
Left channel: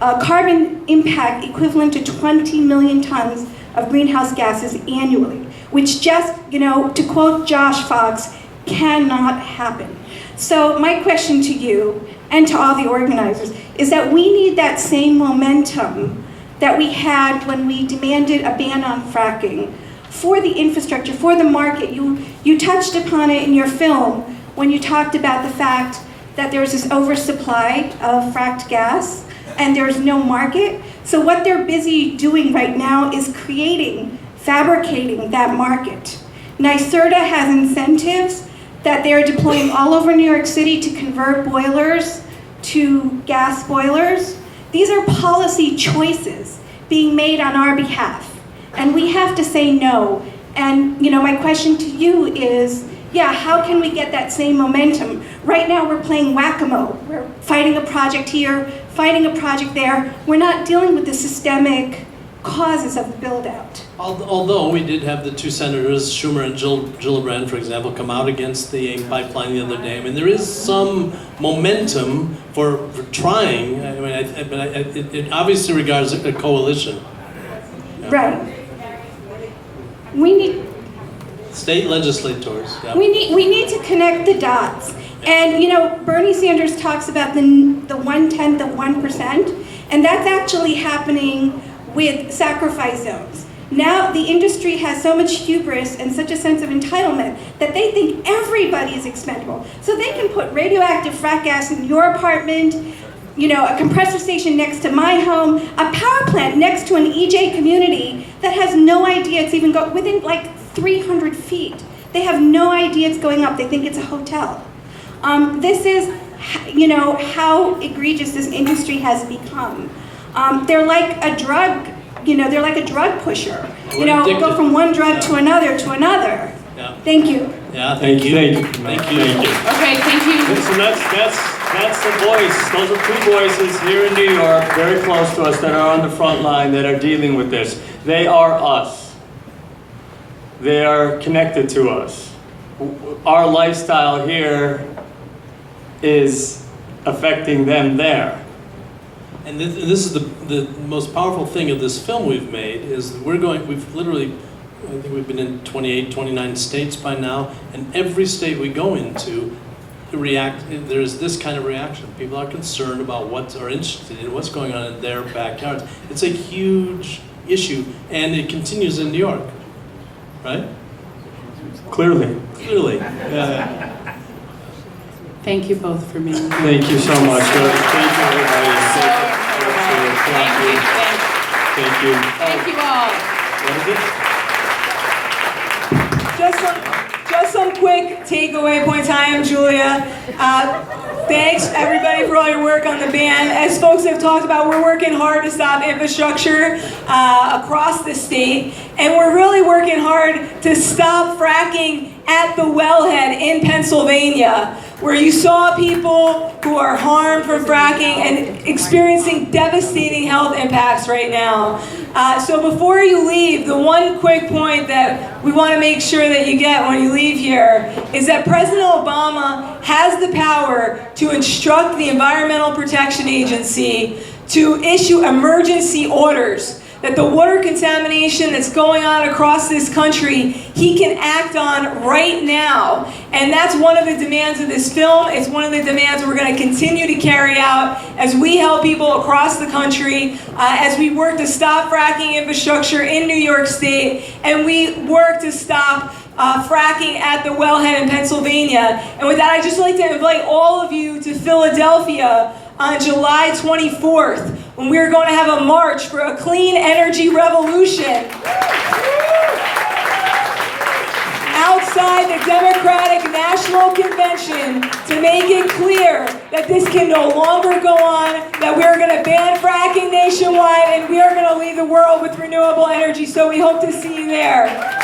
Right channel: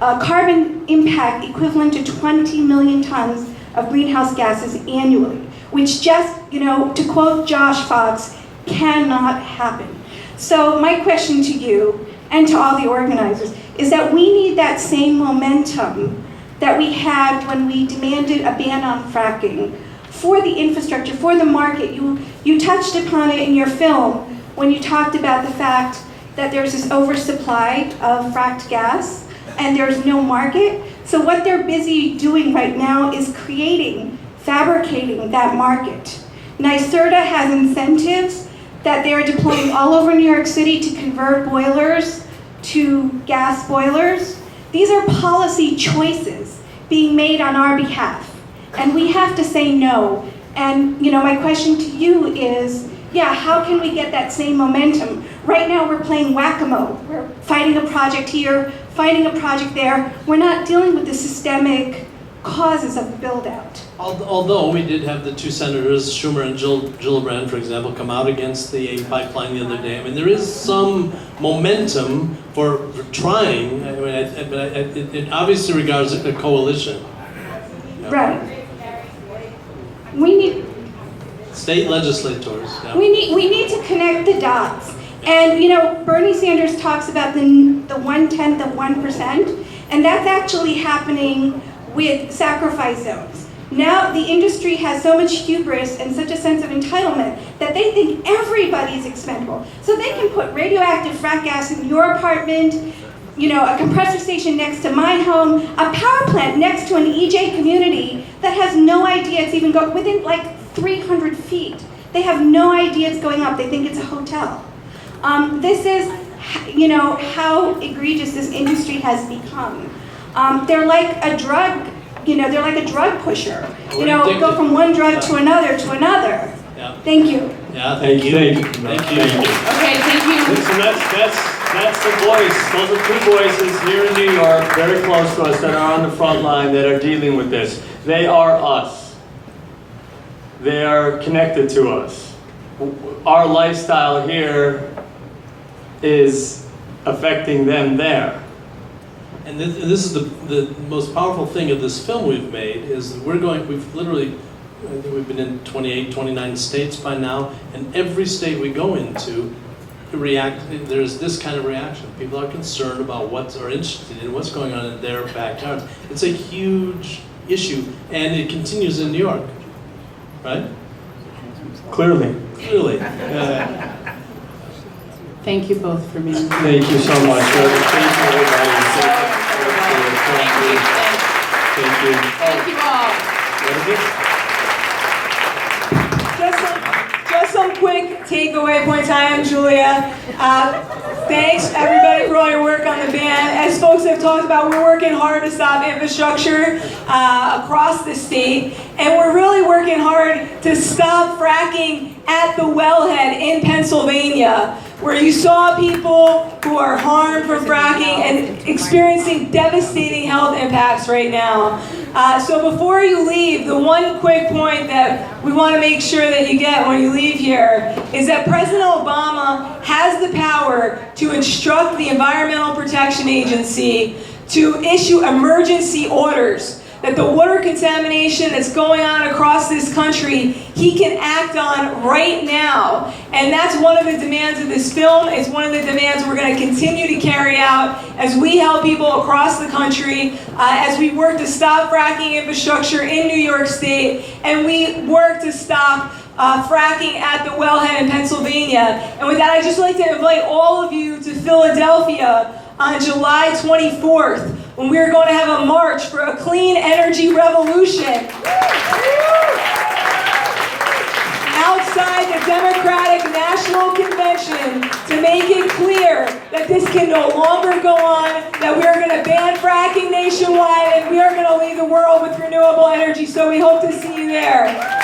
carbon impact equivalent to 20 million tons of greenhouse gases annually, which just, to quote Josh Fox, cannot happen. So my question to you and to all the organizers is that we need that same momentum that we had when we demanded a ban on fracking for the infrastructure, for the market. You touched upon it in your film when you talked about the fact that there's this oversupply of fracked gas and there's no market. So what they're busy doing right now is fabricating that market. NYSERDA has incentives that they're deploying all over New York City to convert boilers to gas boilers. These are policy choices being made on our behalf, and we have to say no. And my question to you is, yeah, how can we get that same momentum? Right now we're playing whack-a-mole. We're fighting a project here, fighting a project there. We're not dealing with the systemic causes of the build-out. Although we did have the two senators, Schumer and Gillibrand, for example, come out against the AIM pipeline the other day. I mean, there is some momentum for trying. I mean, it obviously regards a coalition. Yeah. Right. We need State legislators. Yeah. we need to connect the dots. And you know, Bernie Sanders talks about the 1/10 of 1%, and that's actually happening with sacrifice zones. Now the industry has so much hubris and such a sense of entitlement that they think everybody is expendable. So they can put radioactive frack gas in your apartment, you know, a compressor station next to my home, a power plant next to an EJ community that has no idea it's even within like 300 feet. They have no idea it's going up. They think it's a hotel. This is, you know, how egregious this industry has become. They're like a drug, you know, they're like a drug pusher. You know, go from one drug to another to another. Yeah. Thank you. Yeah, thank you. Thank you. Okay, thank you. Listen, that's the voice. Those are two voices here in New York, very close to us, that are on the front line, that are dealing with this. They are us. They are connected to us. Our lifestyle here is affecting them there. And this is the most powerful thing of this film we've made is we've literally, I think we've been in 28, 29 states by now, and every state we go into, there's this kind of reaction. People are concerned about are interested in what's going on in their backyards. It's a huge issue, and it continues in New York, right? Clearly. Thank you both for being here. Thank you so much. Thank you, everybody. Thank you. Thank you all. What is it? Just some quick takeaway points. Hi, I'm Julia. Thanks everybody for all your work on the ban. As folks have talked about, we're working hard to stop infrastructure across the state, and we're really working hard to stop fracking at the wellhead in Pennsylvania, where you saw people who are harmed from fracking and experiencing devastating health impacts right now. So before you leave, the one quick point that we want to make sure that you get when you leave here is that President Obama has the power to instruct the Environmental Protection Agency to issue emergency orders that the water contamination that's going on across this country, he can act on right now. And that's one of the demands of this film. It's one of the demands we're going to continue to carry out as we help people across the country, as we work to stop fracking infrastructure in New York State, and we work to stop fracking at the wellhead in Pennsylvania. And with that, I'd just like to invite all of you to Philadelphia on July 24th, when we're going to have a march for a clean energy revolution outside the Democratic National Convention to make it clear that this can no longer go on, that we're going to ban fracking nationwide, and we are going to leave the world with renewable energy. So we hope to see you there.